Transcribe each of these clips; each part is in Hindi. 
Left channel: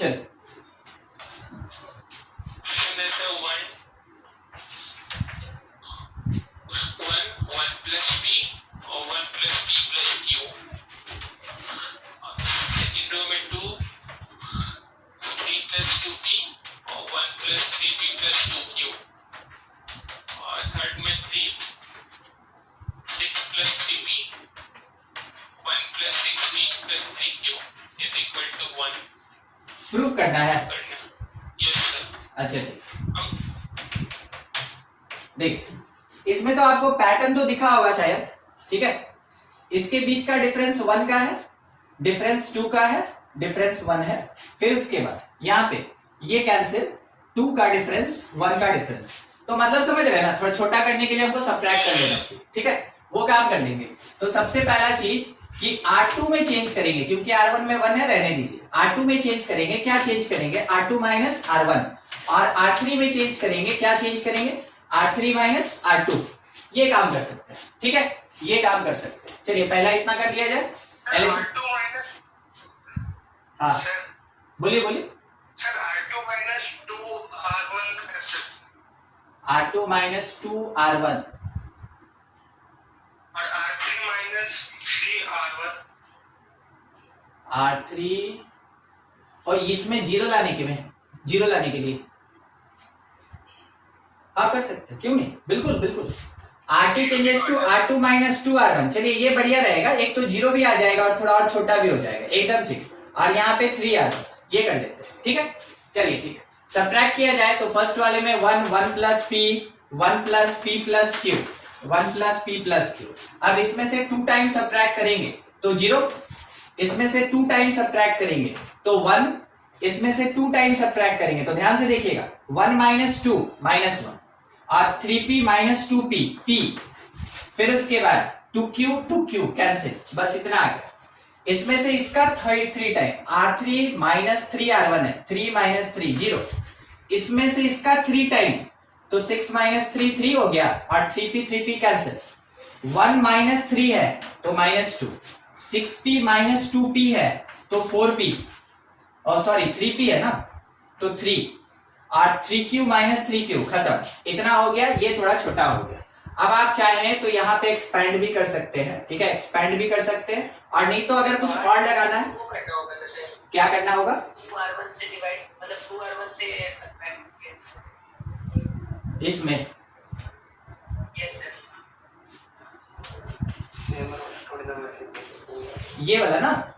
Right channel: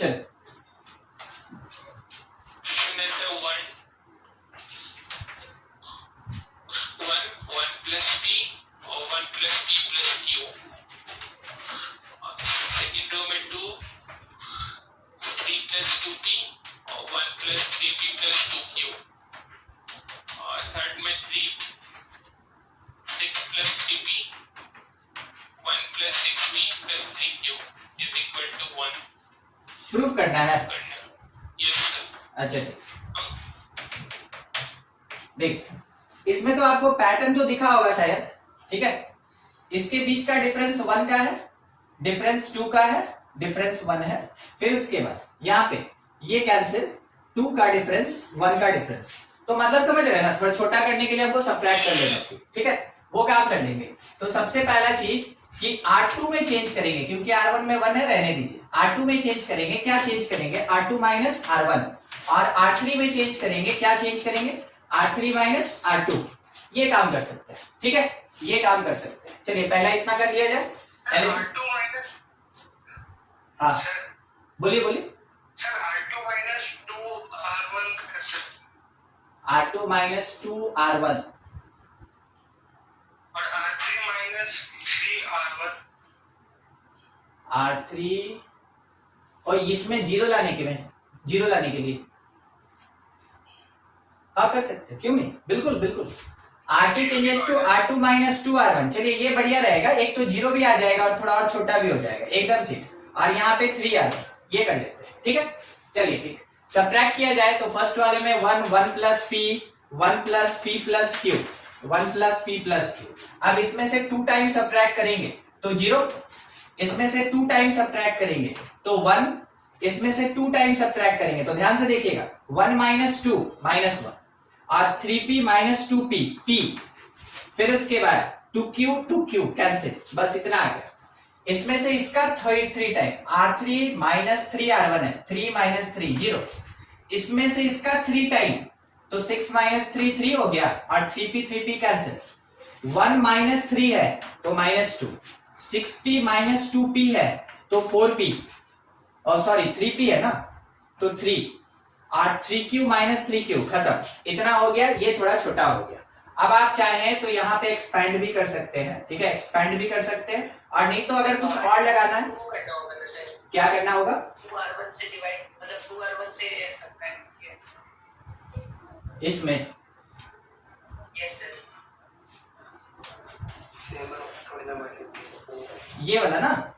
क्वेश्चन। प्रूफ करना है। अच्छा देख, इसमें तो आपको पैटर्न तो दिखा होगा शायद, ठीक है। इसके बीच का डिफरेंस 1 का है, डिफरेंस 2 का है, डिफरेंस 1 है। फिर उसके बाद यहाँ पे ये कैंसिल, 2 का डिफरेंस, 1 का डिफरेंस। तो मतलब समझ रहे हैं ना, थोड़ा छोटा करने के लिए हमको सब्ट्रैक्ट कर लेना चाहिए, ठीक है। वो काम कर लेंगे। तो सबसे पहला चीज कि R2 में चेंज करेंगे, क्योंकि R1 में 1 है, रहने दीजिए। R2 में चेंज करेंगे, क्या चेंज करेंगे? R2 minus R1। और R3 में चेंज करेंगे, क्या चेंज करेंगे? R3 minus R2। ये काम कर सकते हैं, ठीक है, ये काम कर सकते हैं। चलिए पहला इतना कर दिया जाए पहले। हाँ बोलिए बोलिए। R2 minus 2R1 R2 minus 2R1 और R3 माइनस 3R1। R3 और इसमें जीरो लाने के लिए, जीरो लाने के लिए हाँ कर सकते हैं, क्यों नहीं, बिल्कुल बिल्कुल। R2 changes to R2 minus 2R1। चलिए ये बढ़िया रहेगा, एक तो जीरो भी आ जाएगा और थोड़ा और छोटा भी हो जाएगा, एकदम ठीक। और यहाँ पे 3R1 ये कर लेते हैं, ठीक है। चलिए ठीक है, सब्ट्रैक्ट किया जाए तो फर्स्ट वाले में 1 plus P, 1 plus P plus Q, 1 plus P plus Q। अब इसमें से 2 टाइम सब्ट्रैक्ट करेंगे तो 0, इसमें से 2 टाइम सब्ट्रैक्ट करेंगे तो 1, इसमें से 2 टाइम सब्ट्रैक्ट करेंगे तो ध्यान से देखिएगा, 1 माइनस 2 माइनस 1 और 3P माइनस 2P P। फिर उसके बाद 2Q कैंसिल, बस इतना आ गया। इसमें से इसका 3 टाइम R3 माइनस 3R1 है, 3 माइनस 3 0। इसमें से इसका 3 टाइम तो 6 माइनस 3 3 हो गया और 3P कैंसिल। 1 माइनस 3 है तो माइनस 2, 6P माइनस 2P है तो 4P, और सॉरी 3P है ना तो 3, और 3Q माइनस 3Q खत्म। इतना हो गया, ये थोड़ा छोटा हो गया। अब आप चाहें तो यहाँ पे एक्सपैंड भी कर सकते हैं, ठीक है, एक्सपैंड भी कर सकते हैं। और नहीं तो अगर कुछ और लगाना है, क्या करना होगा? 2R1 से डिवाइड, मतलब 2R1 से इसमें यस सर, ये वाला ना,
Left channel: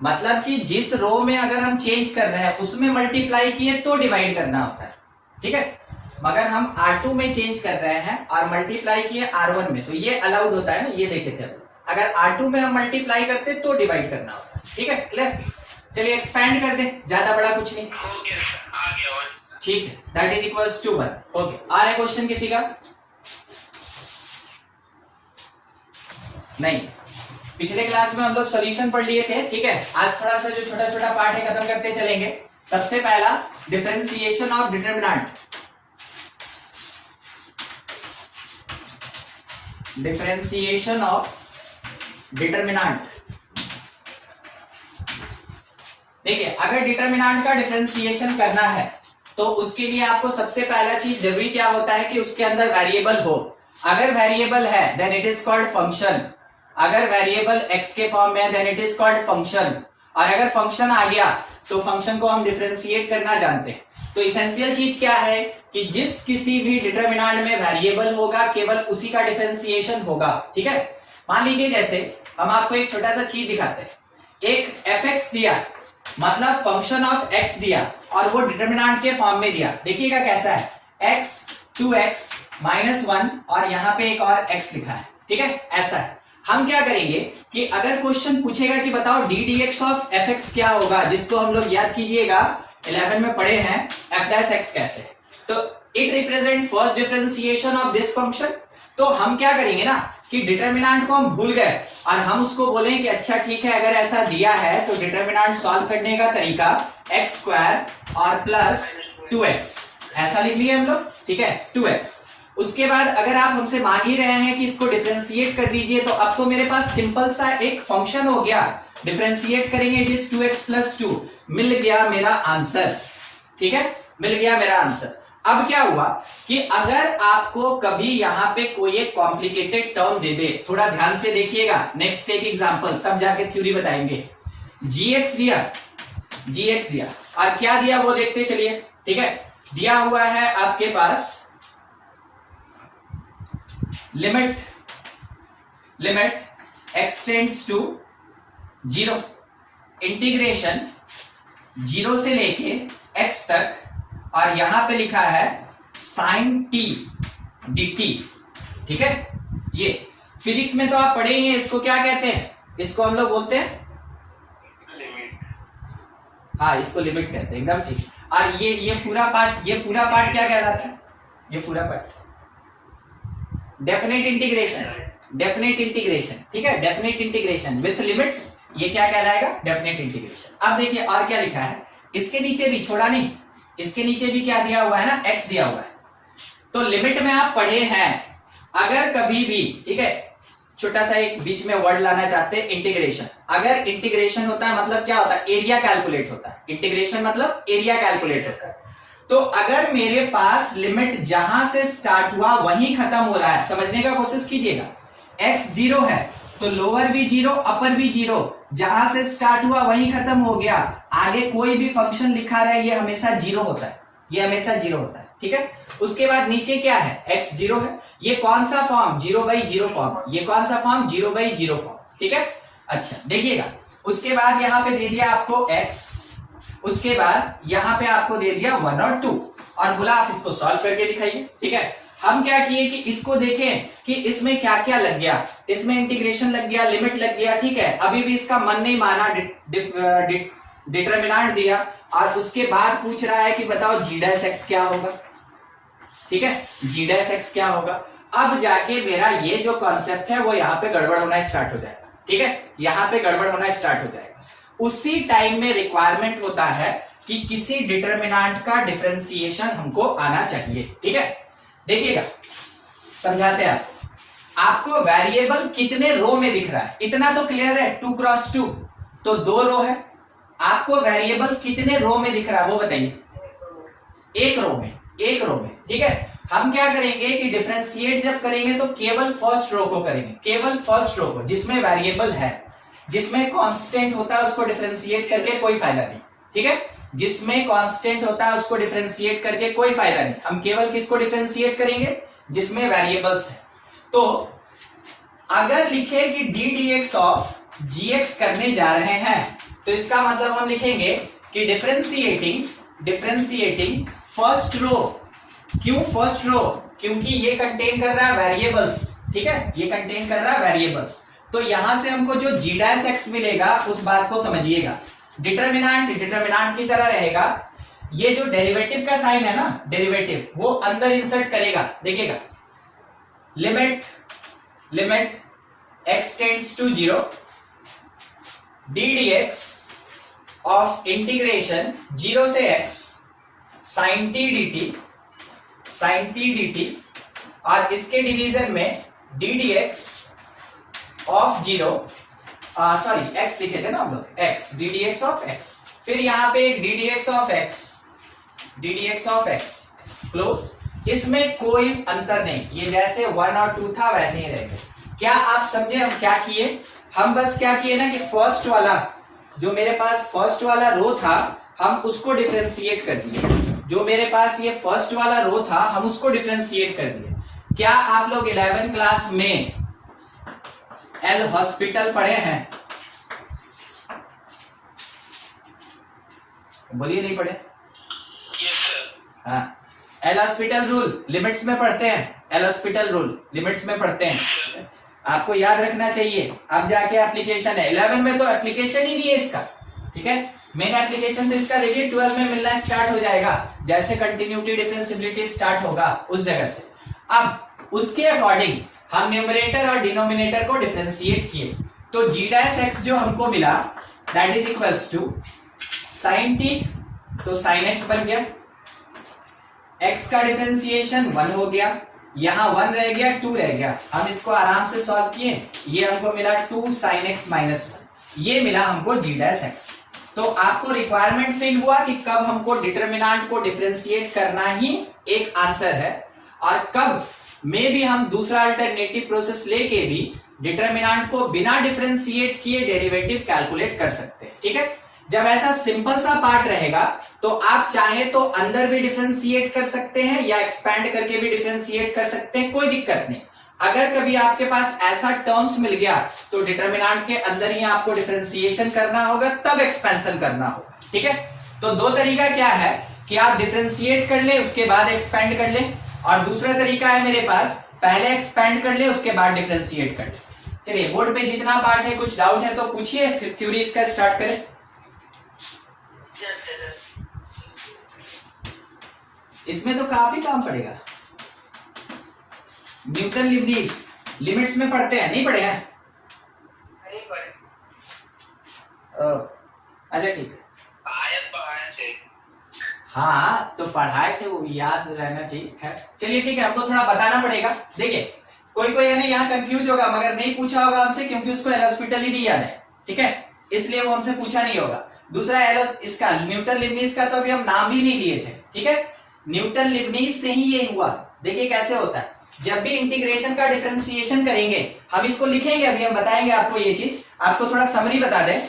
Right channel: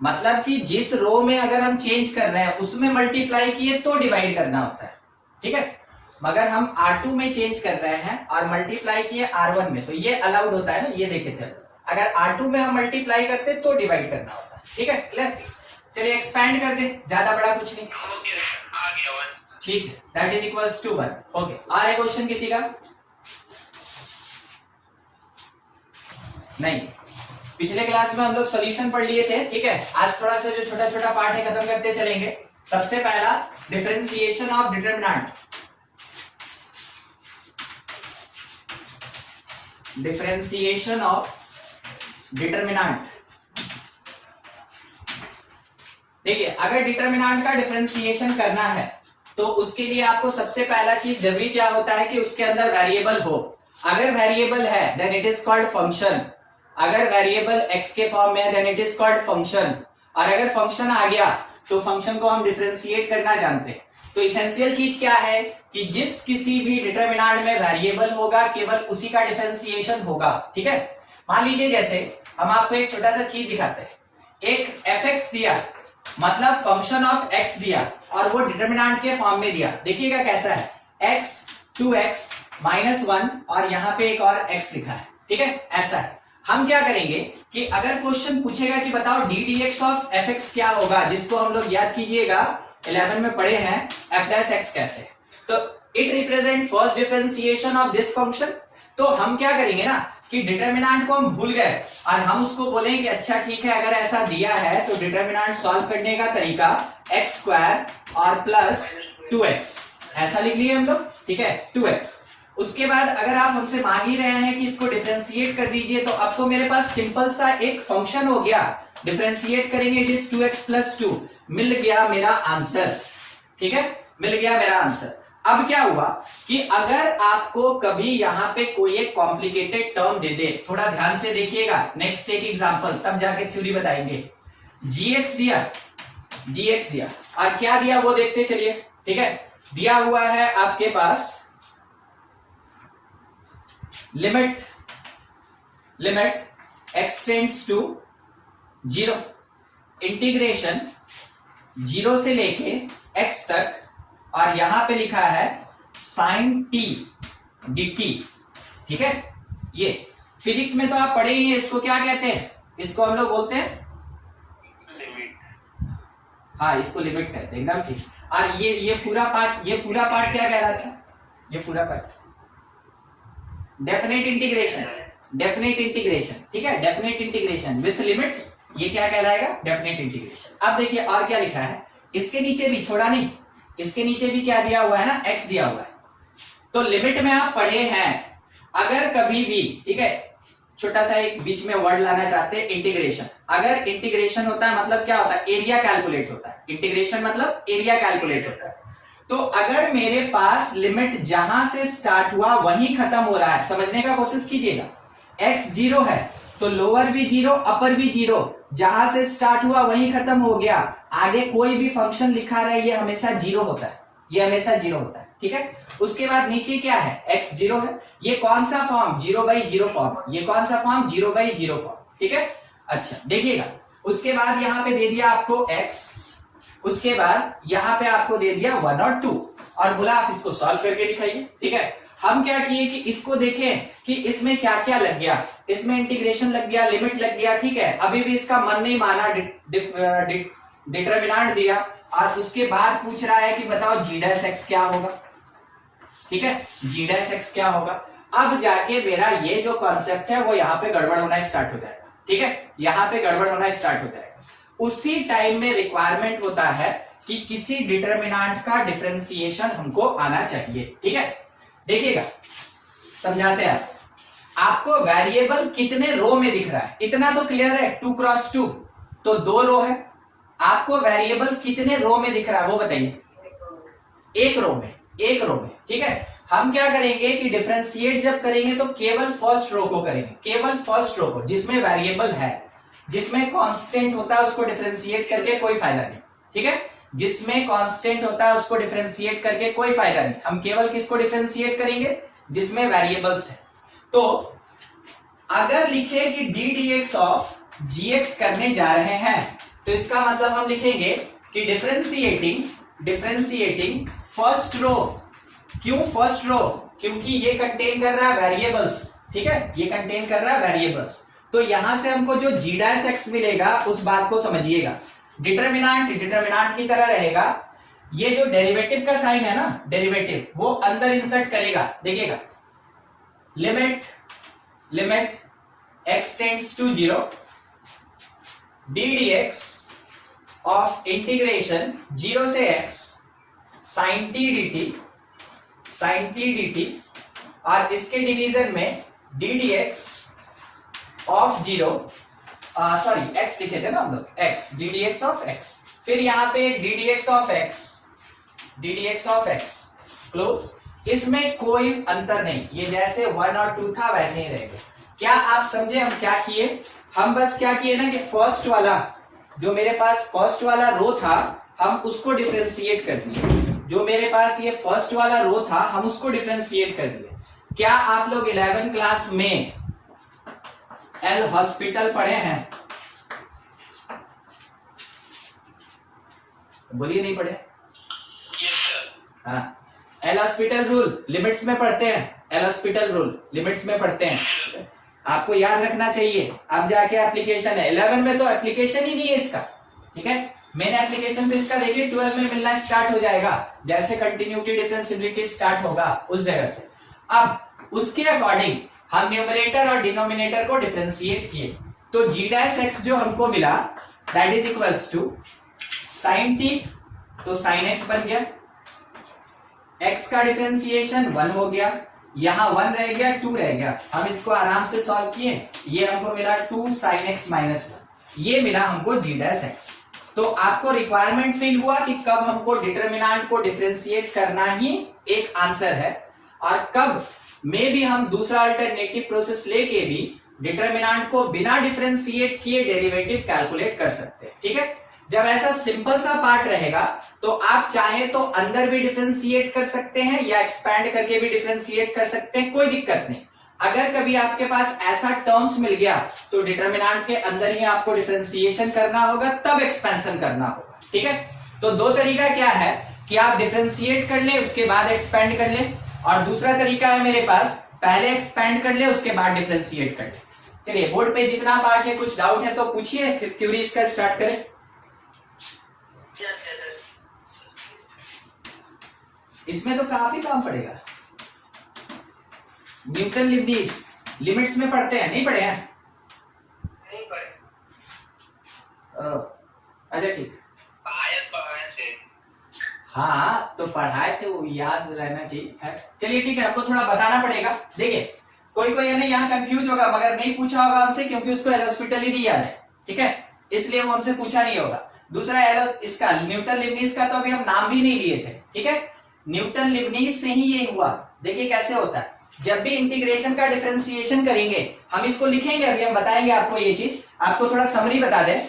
मतलब कि जिस रो में अगर हम चेंज कर रहे हैं उसमें मल्टीप्लाई किए तो डिवाइड करना होता है, ठीक है। मगर हम R2 में चेंज कर रहे हैं और मल्टीप्लाई किए R1 में, तो ये अलाउड होता है ना, ये देखे थे। अगर R2 में हम मल्टीप्लाई करते तो डिवाइड करना होता है, ठीक है, क्लियर। चलिए एक्सपैंड कर दे, ज्यादा बड़ा कुछ नहीं, ठीक है, that is equals to 1। Okay, आ रहा क्वेश्चन किसी का? नहीं, पिछले क्लास में हम लोग सॉल्यूशन पढ़ लिए थे, ठीक है। आज थोड़ा सा जो छोटा छोटा पार्ट है खत्म करते चलेंगे। सबसे पहला differentiation of determinant, differentiation of determinant. देखिए, अगर डिटरमिनेंट का डिफरेंशिएशन करना है तो उसके लिए आपको सबसे पहला चीज जरूरी क्या होता है कि उसके अंदर वेरिएबल हो। अगर वेरिएबल है then it is called function. अगर वेरिएबल x के फॉर्म में है then it is called function. और अगर फंक्शन आ गया तो फंक्शन को हम डिफरेंशिएट करना जानते हैं। तो इसेंशियल चीज क्या है कि जिस किसी भी डिटरमिनेंट में वेरिएबल होगा केवल उसी का डिफरेंशिएशन होगा, ठीक है। मान लीजिए जैसे हम आपको एक छोटा सा चीज दिखाते हैं, एक fx दिया, मतलब फंक्शन ऑफ x दिया और वो डिटरमिनेंट के फॉर्म में दिया। देखिएगा कैसा है, x 2x माइनस 1 और यहाँ पे एक और x लिखा है, ठीक है, ऐसा है। हम क्या करेंगे कि अगर क्वेश्चन पूछेगा कि बताओ D D X of F x क्या होगा, जिसको हम लोग याद कीजिएगा 11 में पढ़े हैं, एफ डैश एक्स कहते हैं। तो it represent first differentiation of this function. तो हम क्या करेंगे ना कि डिटरमिनेंट को हम भूल गए और हम उसको बोलें कि अच्छा ठीक है, अगर ऐसा दिया है तो डिटरमिनेंट सॉल्व करने का तरीका एक्स स्क्वायर और प्लस 2x, ऐसा लिख लिए हम लोग, ठीक है, 2x। उसके बाद अगर आप हमसे मांग ही रहे हैं कि इसको डिफरेंशिएट कर दीजिए, तो अब तो मेरे पास सिंपल सा एक फंक्शन हो गया डिफरेंशिएट करेंगे, इट इज 2x प्लस 2। मिल गया मेरा आंसर, ठीक है, मिल गया मेरा आंसर। अब क्या हुआ कि अगर आपको कभी यहां पे कोई एक कॉम्प्लिकेटेड टर्म दे दे, थोड़ा ध्यान से देखिएगा, नेक्स्ट एक एग्जांपल, तब जाके थ्योरी बताएंगे। gx दिया और क्या दिया वो देखते चलिए, ठीक है। दिया हुआ है आपके पास limit x tends to 0, integration 0 से लेके x तक, और यहां पे लिखा है sin t dt, ठीक है। ये फिजिक्स में तो आप पढ़े ही हैं, इसको क्या कहते हैं, इसको हम लोग बोलते हैं लिमिट। हाँ, इसको लिमिट कहते हैं, एकदम ठीक। और ये पूरा पार्ट क्या कहलाता है, ये पूरा पार्ट डेफिनेट इंटीग्रेशन, ठीक है, डेफिनेट इंटीग्रेशन विथ लिमिट्स, ये क्या कहलाएगा, डेफिनेट इंटीग्रेशन। अब देखिए और क्या लिखा है, इसके नीचे भी छोड़ा नहीं, इसके नीचे भी क्या दिया हुआ है ना, x दिया हुआ है। तो लिमिट में आप पढ़े हैं, अगर कभी भी, ठीक है, छोटा सा एक बीच में वर्ड लाना चाहते हैं, इंटीग्रेशन। अगर इंटीग्रेशन होता है मतलब क्या होता है, एरिया कैलकुलेट होता है। इंटीग्रेशन मतलब एरिया कैलकुलेट होता है। तो अगर मेरे पास लिमिट जहां से स्टार्ट हुआ वहीं खत्म हो रहा है, समझने का कोशिश कीजिएगा, x 0 है तो लोअर भी 0, अपर भी 0, जहां से स्टार्ट हुआ वहीं खत्म हो गया, आगे कोई भी फंक्शन लिखा रहे ये हमेशा 0 होता है, ये हमेशा 0 होता है, ठीक है। उसके बाद नीचे क्या है, x 0 है, ये कौन सा फॉर्म, 0/0 फॉर्म, ये कौन सा फॉर्म, 0/0 फॉर्म, ठीक है। अच्छा देखिएगा, उसके बाद यहां पे दे दिया आपको x, उसके बाद यहां पे आपको दे दिया 1 और 2, और बोला आप इसको सॉल्व करके दिखाइए, ठीक है। हम क्या किए कि इसको देखें कि इसमें क्या क्या लग गया, इसमें इंटीग्रेशन लग गया, लिमिट लग गया, ठीक है। अभी भी इसका मन नहीं माना, डिटरमिनेंट दिया, और उसके बाद पूछ रहा है कि बताओ g' क्या होगा, ठीक है, g' क्या होगा। अब जाके मेरा ये जो कॉन्सेप्ट है वो यहाँ पे गड़बड़ होना स्टार्ट हो जाएगा, ठीक है, यहाँ पे गड़बड़ होना स्टार्ट हो जाएगा। उसी टाइम में रिक्वायरमेंट होता है कि किसी डिटरमिनेंट का डिफरेंशिएशन हमको आना चाहिए, ठीक है। देखिएगा, समझाते हैं आपको, वेरिएबल कितने रो में दिख रहा है, इतना तो क्लियर है, 2 क्रॉस 2 तो 2 रो है। आपको वेरिएबल कितने रो में दिख रहा है वो बताइए, एक रो में, ठीक है। हम क्या करेंगे कि डिफरेंशिएट जब करेंगे तो केवल फर्स्ट रो को करेंगे, केवल फर्स्ट रो को, जिसमें वेरिएबल है, जिसमें कांस्टेंट होता है उसको डिफरेंशिएट करके कोई फायदा नहीं, ठीक है। जिसमें कांस्टेंट होता है उसको डिफरेंशिएट करके कोई फायदा नहीं, हम केवल किसको डिफरेंशिएट करेंगे, जिसमें वेरिएबल्स है। तो अगर लिखे कि डी dx ऑफ gx करने जा रहे हैं, तो इसका मतलब हम लिखेंगे कि डिफरेंशिएटिंग फर्स्ट रो। क्यों फर्स्ट रो, क्योंकि ये कंटेन कर रहा है वेरिएबल्स, ठीक है, ये कंटेन कर रहा है वेरिएबल्स। तो यहां से हमको जो g' मिलेगा उस बात को समझिएगा, डिटरमिनेंट की तरह रहेगा। ये जो डेरिवेटिव का साइन है ना, डेरिवेटिव, वो अंदर इंसर्ट करेगा, देखिएगा, limit x tends to 0 d dx of integration 0 से x sin t dt, और इसके डिवीजन में d dx of 0, sorry x लिखे थे ना हम लोग, x d dx of x, फिर यहां पे d dx of x close. इसमें कोई अंतर नहीं, ये जैसे 1 और 2 था वैसे ही रहेंगे। क्या आप समझे हम क्या किए, हम बस क्या किए ना कि फर्स्ट वाला, जो मेरे पास फर्स्ट वाला रो था हम उसको डिफरेंशिएट कर दिए, जो मेरे पास ये फर्स्ट वाला रो था हम उसको डिफरेंशिएट कर दिए। क्या आप लोग 11th क्लास में एल हॉस्पिटल पढ़े हैं, बोलिए नहीं पढ़े, यस सर। हाँ, एल हॉस्पिटल रूल लिमिट्स में पढ़ते हैं, एल हॉस्पिटल रूल लिमिट्स में पढ़ते हैं, आपको याद रखना चाहिए। अब जाके एप्लीकेशन है, 11 में तो एप्लीकेशन ही नहीं है इसका, ठीक है, मेन एप्लीकेशन तो इसका देखिए 12 में मिलना स्टार्ट हो जाएगा, जैसे कंटिन्यूटी डिफरेंशिएबिलिटी स्टार्ट होगा उस जगह से। अब उसके अकॉर्डिंग हम न्यूमरेटर और डिनोमिनेटर को डिफरेंशिएट किए, तो g' जो हमको मिला that is equals to sin t, तो sin x बन गया, x का डिफरेंशिएशन 1 हो गया, यहां 1 रह गया, 2 रह गया, हम इसको आराम से सॉल्व किए, ये हमको मिला 2 sin x -1। ये मिला हमको g डैश x। तो आपको रिक्वायरमेंट फील हुआ कि कब हमको डिटरमिनेंट को डिफरेंशिएट करना ही एक आंसर है, और कब में भी हम दूसरा अल्टरनेटिव प्रोसेस लेके भी डिटरमिनेंट को बिना डिफरेंशिएट किए डेरिवेटिव कैलकुलेट कर सकते हैं। ठीक है, जब ऐसा सिंपल सा पार्ट रहेगा तो आप चाहे तो अंदर भी डिफरेंशिएट कर सकते हैं या एक्सपैंड करके भी डिफरेंशिएट कर सकते हैं, कोई दिक्कत नहीं। अगर कभी आपके पास ऐसा टर्म्स मिल गया तो डिटरमिनेंट के अंदर ही आपको डिफरेंशिएशन करना होगा, तब एक्सपेंशन करना होगा। ठीक है, तो दो तरीका क्या है कि आप डिफरेंशिएट कर ले उसके बाद एक्सपेंड कर ले, और दूसरा तरीका है मेरे पास पहले एक्सपेंड कर ले उसके बाद डिफरेंशिएट कर ले। चलिए, बोर्ड पे जितना पार्ट है, कुछ डाउट है तो पूछिए, फिर थ्योरी इसका स्टार्ट करें। इसमें तो काफी काम पड़ेगा। न्यूटन लीबनिज लिमिट्स में पढ़ते हैं, नहीं पढ़े हैं? नहीं पढ़े। अच्छा ठीक, हाँ तो पढ़ाए थे, वो याद रहना चाहिए। चलिए ठीक है, हमको थोड़ा बताना पड़ेगा। देखिए, कोई कोई है ना यहाँ कंफ्यूज होगा, मगर नहीं पूछा होगा हमसे क्योंकि उसको एलोस्पिटल ही नहीं याद है। ठीक है, इसलिए वो हमसे पूछा नहीं होगा। दूसरा इसका न्यूटन लीबनिज का तो अभी हम नाम भी नहीं लिए थे। ठीक है, न्यूटन लीबनिज से ही ये हुआ। देखिए कैसे होता है, जब भी इंटीग्रेशन का डिफरेंशिएशन करेंगे, हम इसको लिखेंगे, अभी हम बताएंगे आपको ये चीज। आपको थोड़ा समरी बता दें,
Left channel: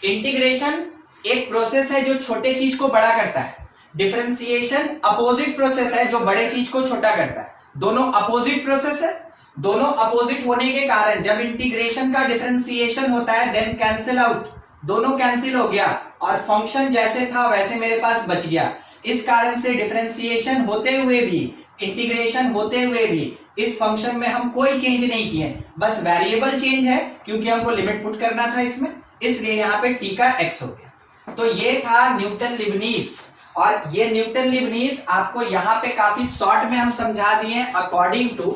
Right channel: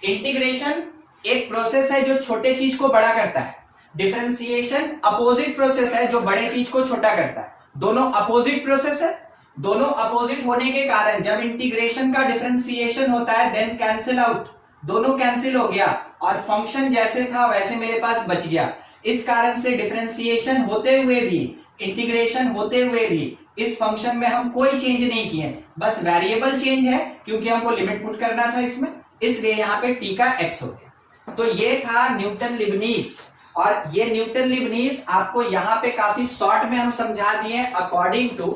इंटीग्रेशन एक प्रोसेस है जो छोटे चीज को बड़ा करता है, डिफरेंशिएशन अपोजिट प्रोसेस है जो बड़े चीज को छोटा करता है। दोनों अपोजिट प्रोसेस है, दोनों अपोजिट होने के कारण जब इंटीग्रेशन का डिफरेंशिएशन होता है देन कैंसिल आउट, दोनों कैंसिल हो गया और फंक्शन जैसे था वैसे मेरे पास बच गया। इस कारण से डिफरेंशिएशन होते हुए भी, इंटीग्रेशन होते हुए भी इस फंक्शन में हम कोई चेंज नहीं किए, बस वेरिएबल चेंज है क्योंकि हमको लिमिट पुट करना था इसमें, इसलिए यहाँ पे t का x हो गया। तो ये था न्यूटन लीबनिज, और ये न्यूटन लीबनिज आपको यहाँ पे काफी शॉर्ट में हम समझा दिए according to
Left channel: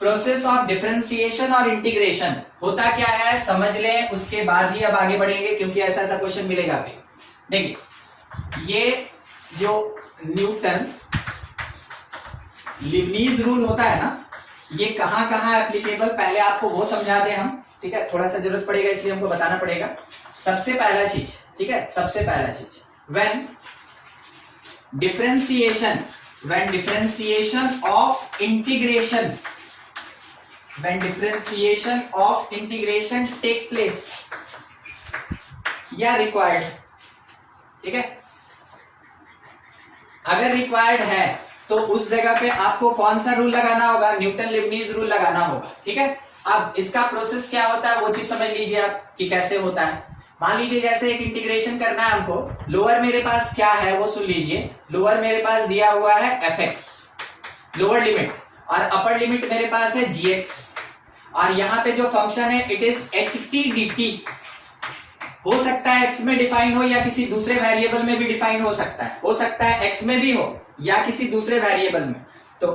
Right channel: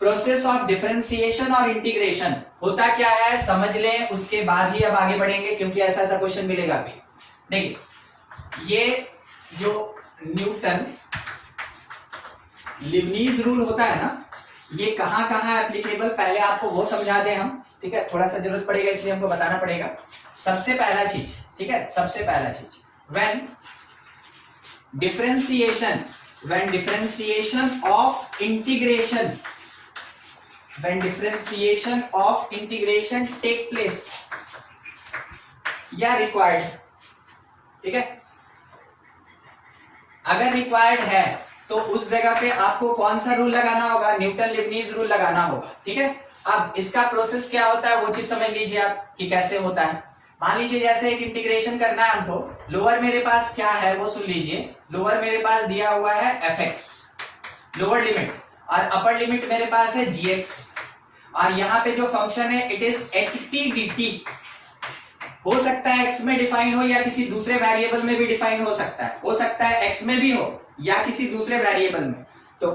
process of differentiation और इंटीग्रेशन होता क्या है समझ लें, उसके बाद ही अब आगे बढ़ेंगे क्योंकि ऐसा ऐसा क्वेश्चन मिलेगा भी। देखिए, ये जो न्यूटन लीबनिज रूल होता है ना, ये कहां कहां एप्लीकेबल, पहले आपको वो समझा दें हम। ठीक है, थोड़ा सा जरूरत पड़ेगा इसलिए हमको बताना पड़ेगा। सबसे पहला चीज, ठीक है, सबसे पहला चीज, when differentiation of integration, when differentiation of integration take place या required। ठीक है, अगर required है तो उस जगह पे आपको कौन सा रूल लगाना होगा, न्यूटन लीबनिज रूल लगाना होगा। ठीक है, अब इसका प्रोसेस क्या होता है वो चीज समझ लीजिए आप कि कैसे होता है। मान लीजिए जैसे एक इंटीग्रेशन करना है हमको, लोअर मेरे पास क्या है वो सुन लीजिए। लोअर मेरे पास दिया हुआ है fx लोअर लिमिट, और अपर लिमिट मेरे पास है gx, और यहाँ पे जो फंक्शन है इट इज ht dt। हो सकता है x में डिफाइन हो या किसी दूसरे वेरिएबल में भी डिफाइन हो सकता है x में भी हो या किसी दूसरे वेरिएबल में। तो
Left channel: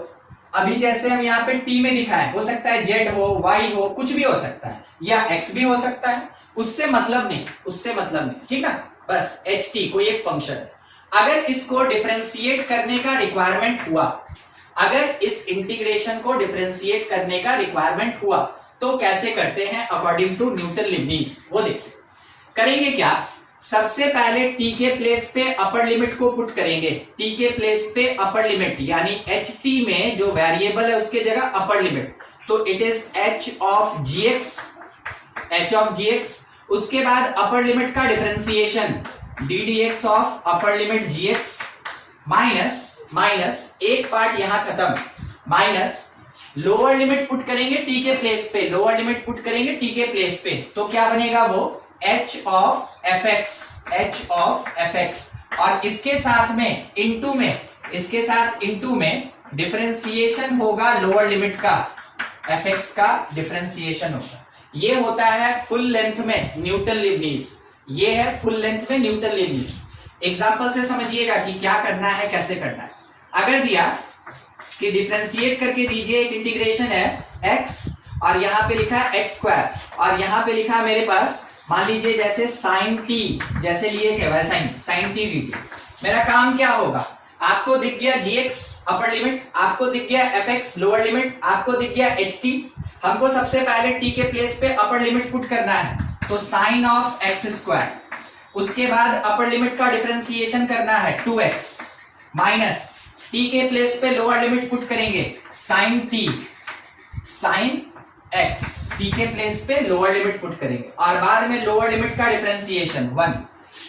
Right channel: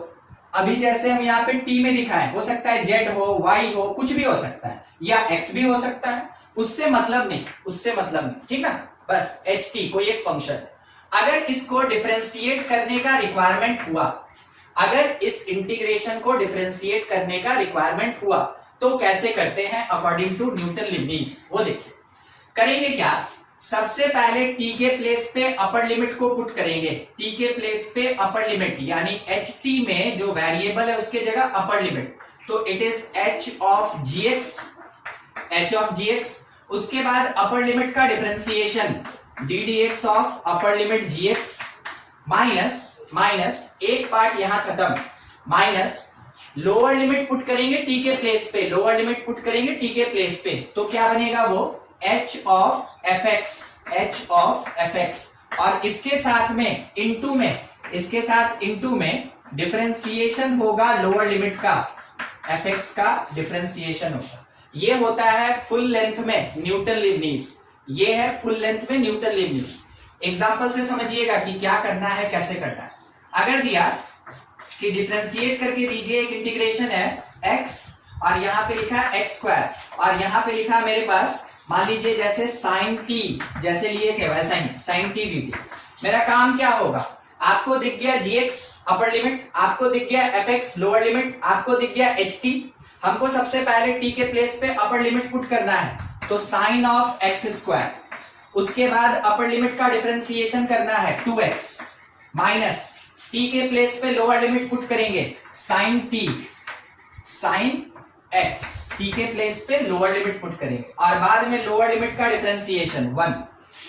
अभी जैसे हम यहाँ पे t में दिखाएं, हो सकता है z हो, y हो, कुछ भी हो सकता है, या x भी हो सकता है, उससे मतलब नहीं। ठीक ना, बस ht कोई एक फंक्शन। अगर इसको डिफरेंशिएट करने का रिक्वायरमेंट हुआ, अगर इस इंटीग्रेशन को डिफरेंशिएट करने का रिक्वायरमेंट हुआ तो कैसे करते हैं अकॉर्डिंग टू न्यूटन लीबनिज, वो देखिए। करेंगे क्या, सबसे पहले t के प्लेस पे अपर लिमिट को पुट करेंगे। t के प्लेस पे अपर लिमिट यानी ht में जो वेरिएबल है उसके जगह अपर लिमिट, तो it is h of gx। उसके बाद अपर लिमिट का differentiation d dx of upper limit gx minus एक पार्ट यहां खत्म, माइनस लोअर लिमिट पुट करेंगे t के प्लेस पे, लोअर लिमिट पुट करेंगे t के प्लेस पे, तो क्या बनेगा वो h ऑफ fx, और इसके साथ में इंटू में डिफरेंशिएशन होगा लोअर लिमिट का, fx का डिफरेंशिएशन होगा। ये होता है फुल लेंथ में न्यूटन लीबनिज, ये है फुल लेंथ में न्यूटन लीबनिज। एग्जाम्पल से समझिएगा कि क्या करना है, कैसे करना है। अगर दिया कि डिफरेंशिएट करके दीजिए, एक इंटीग्रेशन है x और यहाँ पे लिखा है x स्क्वायर, और यहाँ पे लिखा है मेरे पास मान लीजिए जैसे साइन t, जैसे लिए थे वैसा ही साइन t dt। मेरा काम क्या होगा, आपको दिख गया gx अपर लिमिट, आपको दिख गया fx लोअर लिमिट, आपको दिख गया ht। हमको सबसे पहले t के प्लेस पे अपर लिमिट पुट करना है, तो साइन ऑफ एक्स स्क्वायर, उसके बाद अपर लिमिट का डिफरेंशिएशन करना है 2x माइनस t के प्लेस पे लोअर लिमिट पुट करेंगे sine t, sine x, t के प्लेस पे लोअर लिमिट पुट करेंगे और बाद में लोअर लिमिट का डिफरेंशिएशन 1।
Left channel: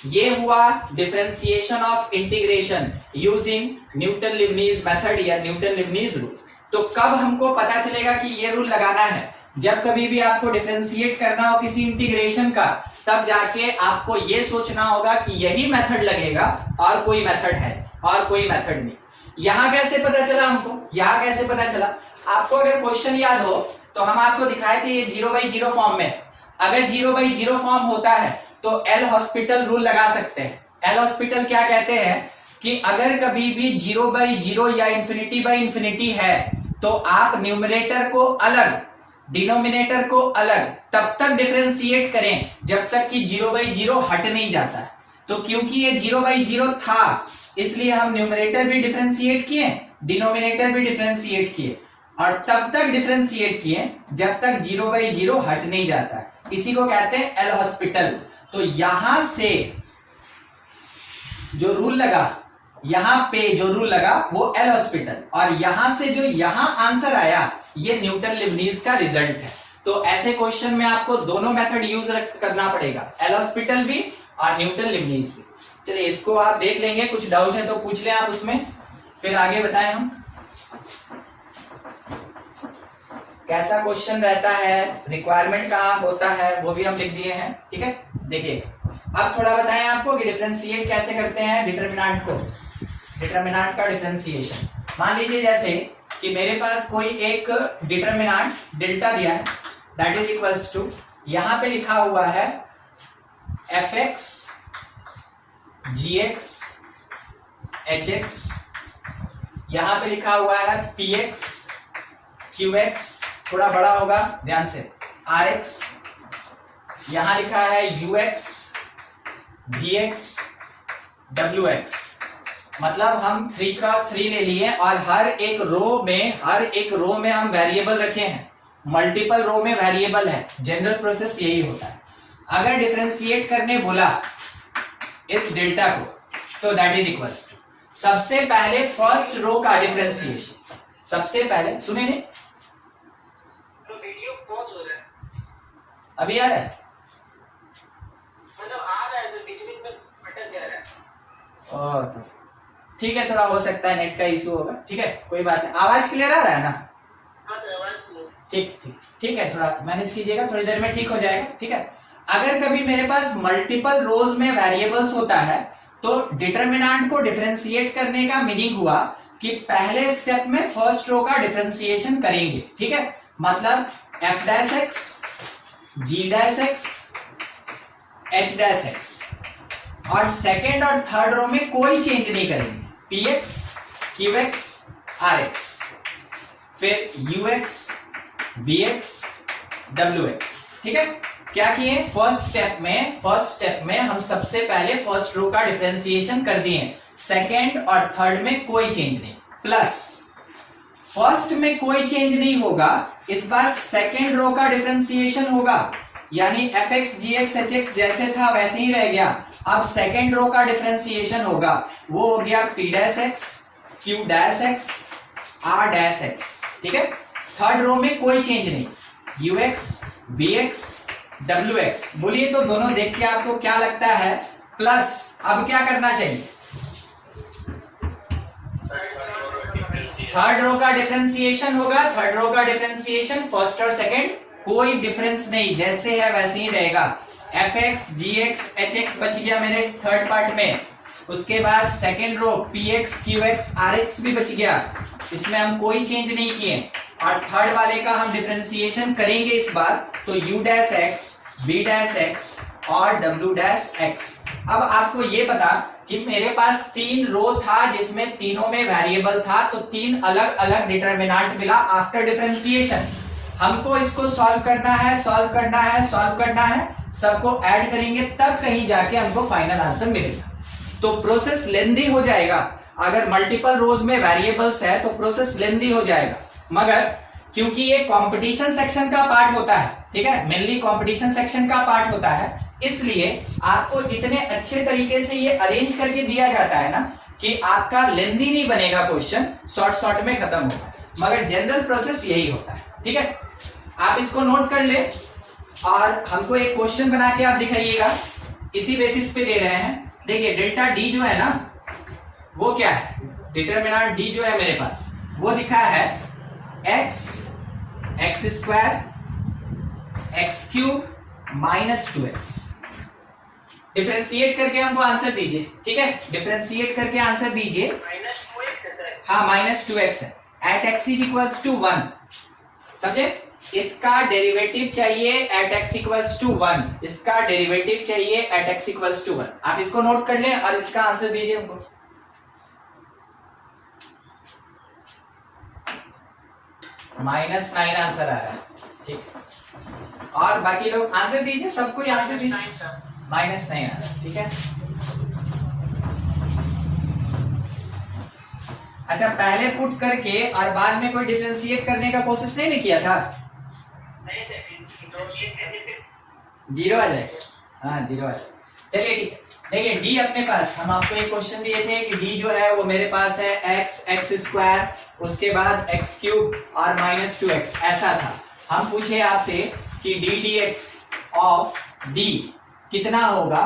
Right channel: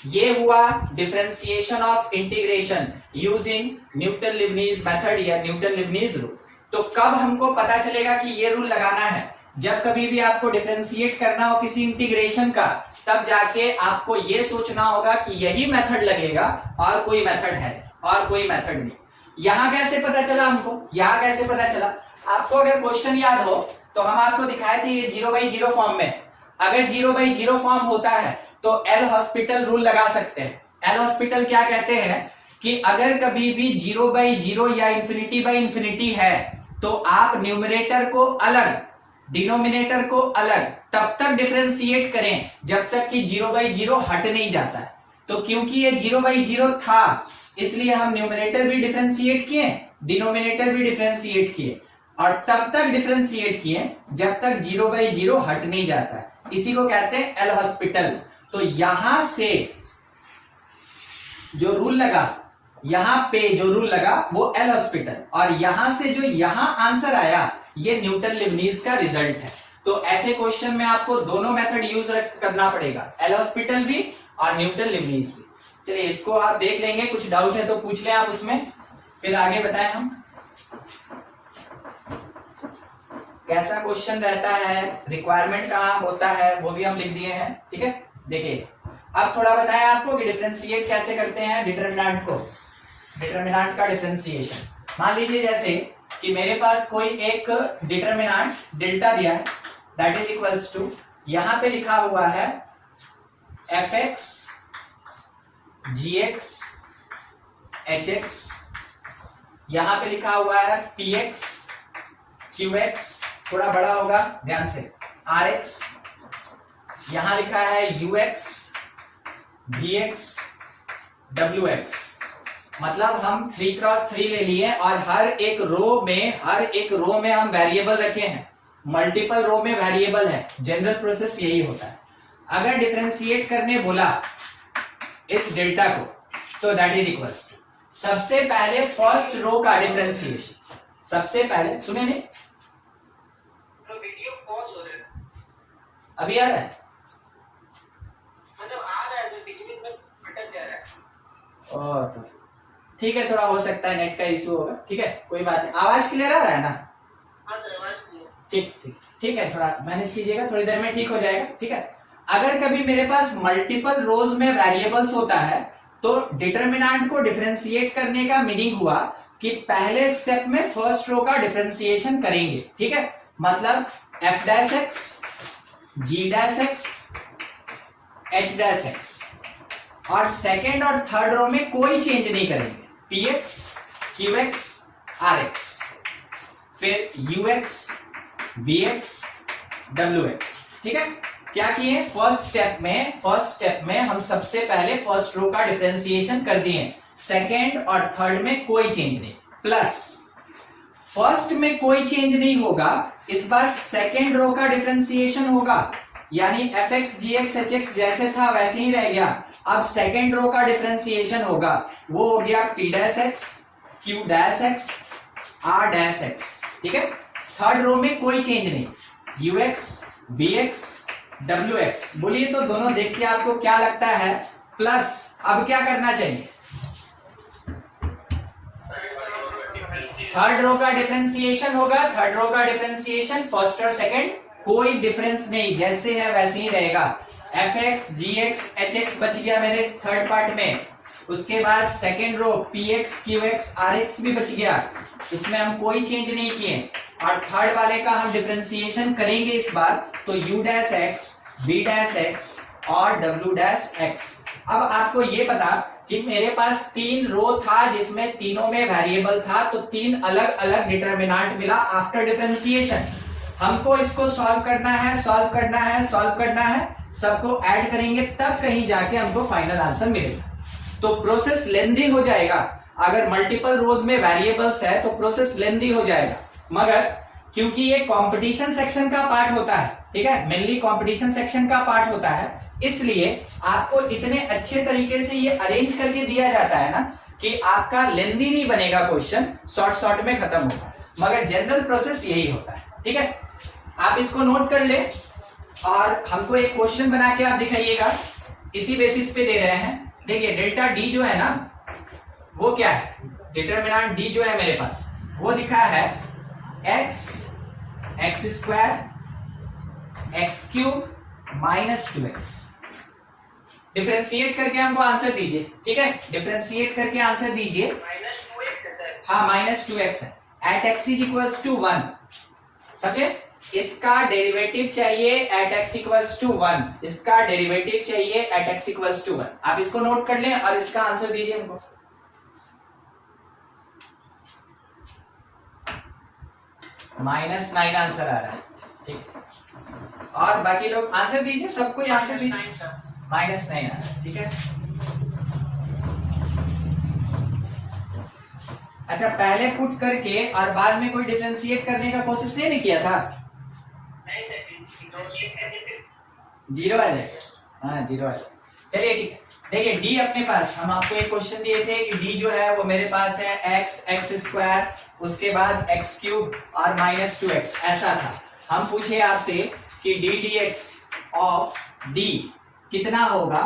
ये हुआ differentiation of integration using Newton Leibniz method या न्यूटन लिबनीज रूल। तो कब हमको पता चलेगा कि ये रूल लगाना है? जब कभी भी आपको डिफरेंशिएट करना हो किसी इंटीग्रेशन का, तब जाके आपको ये सोचना होगा कि यही मेथड लगेगा और कोई मेथड है और कोई मेथड नहीं। यहां कैसे पता चला हमको? यहां कैसे पता चला? आपको अगर क्वेश्चन याद हो तो हम आपको दिखाए थे ये 0/0 फॉर्म में। अगर 0/0 फॉर्म होता है तो एल हॉस्पिटल रूल लगा सकते हैं। एल हॉस्पिटल क्या कहते हैं कि अगर कभी भी 0/0 या ∞/∞ है तो आप न्यूमरेटर को अलग, डिनोमिनेटर को अलग तब तक डिफरेंशिएट करें जब तक कि 0/0 हट नहीं जाता है। तो क्योंकि ये 0/0 था इसलिए हम न्यूमरेटर भी डिफरेंशिएट किए, डिनोमिनेटर भी डिफरेंशिएट किए और तब तक डिफरेंशिएट किए जब तक 0/0 हट नहीं जाता है। इसी को कहते हैं एल हॉस्पिटल। तो यहां से जो रूल लगा, यहां पे जो रूल लगा वो एल हॉस्पिटल, और यहां से जो यहां आंसर आया ये न्यूटन लिबनीज का रिजल्ट है। तो ऐसे क्वेश्चन में आपको दोनों मेथड यूज करना पड़ेगा, एल हॉस्पिटल भी और न्यूटन लिबनीज भी। चलिए इसको आप देख लेंगे, कुछ डाउट है तो पूछ लें आप उसमें, फिर आगे बताएं हम कैसा क्वेश्चन रहता है, रिक्वायरमेंट कहाँ होता है वो भी हम लिख दिए हैं। ठीक है, देखिए अब थोड़ा बताएं आपको कि डिफरेंशिएट कैसे करते हैं डिटरमिनेंट को, डिटरमिनेंट का डिफरेंशिएशन। मान लीजिए जैसे कि मेरे पास कोई एक डिटरमिनेंट डेल्टा दिया है, दैट इज इक्वल्स टू, यहां पे लिखा हुआ है fx gx hx, यहां पे लिखा हुआ है px qx, थोड़ा बड़ा होगा ध्यान से, rx, यहां लिखा है ux vx wx। मतलब हम 3x3 ले लिए और हर एक रो में हम वेरिएबल रखे हैं, मल्टीपल रो में वेरिएबल है। जनरल प्रोसेस यही होता है। अगर डिफरेंशिएट करने बोला इस डेल्टा को तो दैट इज इक्वल्स टू, सबसे पहले फर्स्ट रो का डिफरेंशिएशन, सबसे पहले सुने नहीं, तो वीडियो पॉज हो रहा है, अभी आ रहा है, मतलब आ रहा है, बीच बीच में अटक जा रहा है। ओ तो ठीक है, थोड़ा हो सकता है नेट का इशू होगा। ठीक है, कोई बात नहीं। आवाज क्लियर आ रहा है ना? हाँ सर, आवाज क्लियर। ठीक ठीक ठीक है, थोड़ा मैनेज कीजिएगा, थोड़ी देर में ठीक हो जाएगा। ठीक है, अगर कभी मेरे पास मल्टीपल रोज में वेरिएबल्स होता है तो डिटरमिनेंट को डिफरेंशिएट करने का मीनिंग हुआ कि पहले स्टेप में फर्स्ट रो का डिफरेंशिएशन करेंगे। ठीक है, मतलब f dash x, g dash x, h dash x, और सेकेंड और थर्ड रो में कोई चेंज नहीं करेंगे, px qx rx, फिर ux vx wx। ठीक है, क्या किए, फर्स्ट स्टेप में हम सबसे पहले फर्स्ट रो का डिफरेंशिएशन कर दिए, सेकेंड और थर्ड में कोई चेंज नहीं, प्लस फर्स्ट में कोई चेंज नहीं होगा, इस बार सेकेंड रो का डिफरेंशिएशन होगा, यानी fx gx hx जैसे था वैसे ही रह गया। अब सेकेंड रो का डिफरेंशिएशन होगा, वो हो गया p dash x q dash x r dash x। ठीक है, थर्ड रो में कोई चेंज नहीं, ux vx wx। बोलिए तो दोनों देख के आपको क्या लगता है, प्लस अब क्या करना चाहिए, थर्ड रो का डिफरेंशिएशन होगा, थर्ड रो का डिफरेंशिएशन फर्स्ट और सेकंड कोई डिफरेंस नहीं, जैसे है वैसे ही रहेगा। fx gx hx बच गया मेरे इस थर्ड पार्ट में, उसके बाद second row px qx rx भी बच गया, इसमें हम कोई चेंज नहीं किए, और थर्ड वाले का हम डिफरेंशिएशन करेंगे इस बार, तो u dash x v dash x और w डैश x। अब आपको ये पता कि मेरे पास तीन रो था जिसमें तीनों में वेरिएबल था, तो तीन अलग अलग डिटरमिनेंट मिला आफ्टर डिफरेंशिएशन। हमको इसको सॉल्व करना है, सबको ऐड करेंगे तब कहीं जाके हमको फाइनल आंसर मिलेगा। तो प्रोसेस लेंदी हो जाएगा, अगर मल्टीपल रोज में वेरिएबल्स है तो प्रोसेस लेंदी हो जाएगा, मगर क्योंकि ये कंपटीशन सेक्शन का पार्ट होता है ठीक है, मेनली कंपटीशन सेक्शन का पार्ट होता है, इसलिए आपको इतने अच्छे तरीके से ये अरेंज करके दिया जाता है ना कि आपका लेंदी नहीं बनेगा, क्वेश्चन शॉर्ट में खत्म होगा, मगर जनरल प्रोसेस यही होता है। ठीक है, आप इसको नोट कर ले और हमको एक क्वेश्चन बना के आप दिखाइएगा, इसी बेसिस पे दे रहे हैं। देखिए डेल्टा डी जो है ना वो क्या है, डिटरमिनेंट डी जो है मेरे पास वो दिखा है x square x cube minus 2x। Differentiate करके हमको आंसर दीजिए। ठीक है, डिफरेंशिएट करके आंसर दीजिए। -2x है सर। हाँ -2x है, at x is equals to 1, समझे? इसका डेरिवेटिव चाहिए एट x इक्वल्स टू 1, इसका डेरिवेटिव चाहिए एट x इक्वल्स टू 1। आप इसको नोट कर लें और इसका आंसर दीजिए हमको। -9 आंसर आ रहा है। ठीक, और बाकी लोग आंसर दीजिए, सबको आंसर दीजिए। -9 आ रहा है। ठीक है, अच्छा पहले पुट करके और बाद में कोई डिफरेंशिएट करने का कोशिश नहीं किया था? नहीं सर, जीरो आ जाएगा। हाँ जीरो आ जाएगा, चलिए ठीक है। देखिए डी अपने पास, हम आपको एक क्वेश्चन दिए थे कि डी जो है वो मेरे पास है एक्स स्क्वायर, उसके बाद एक्स क्यूब और -2x, ऐसा था। हम पूछे आपसे कि D D X of D कितना होगा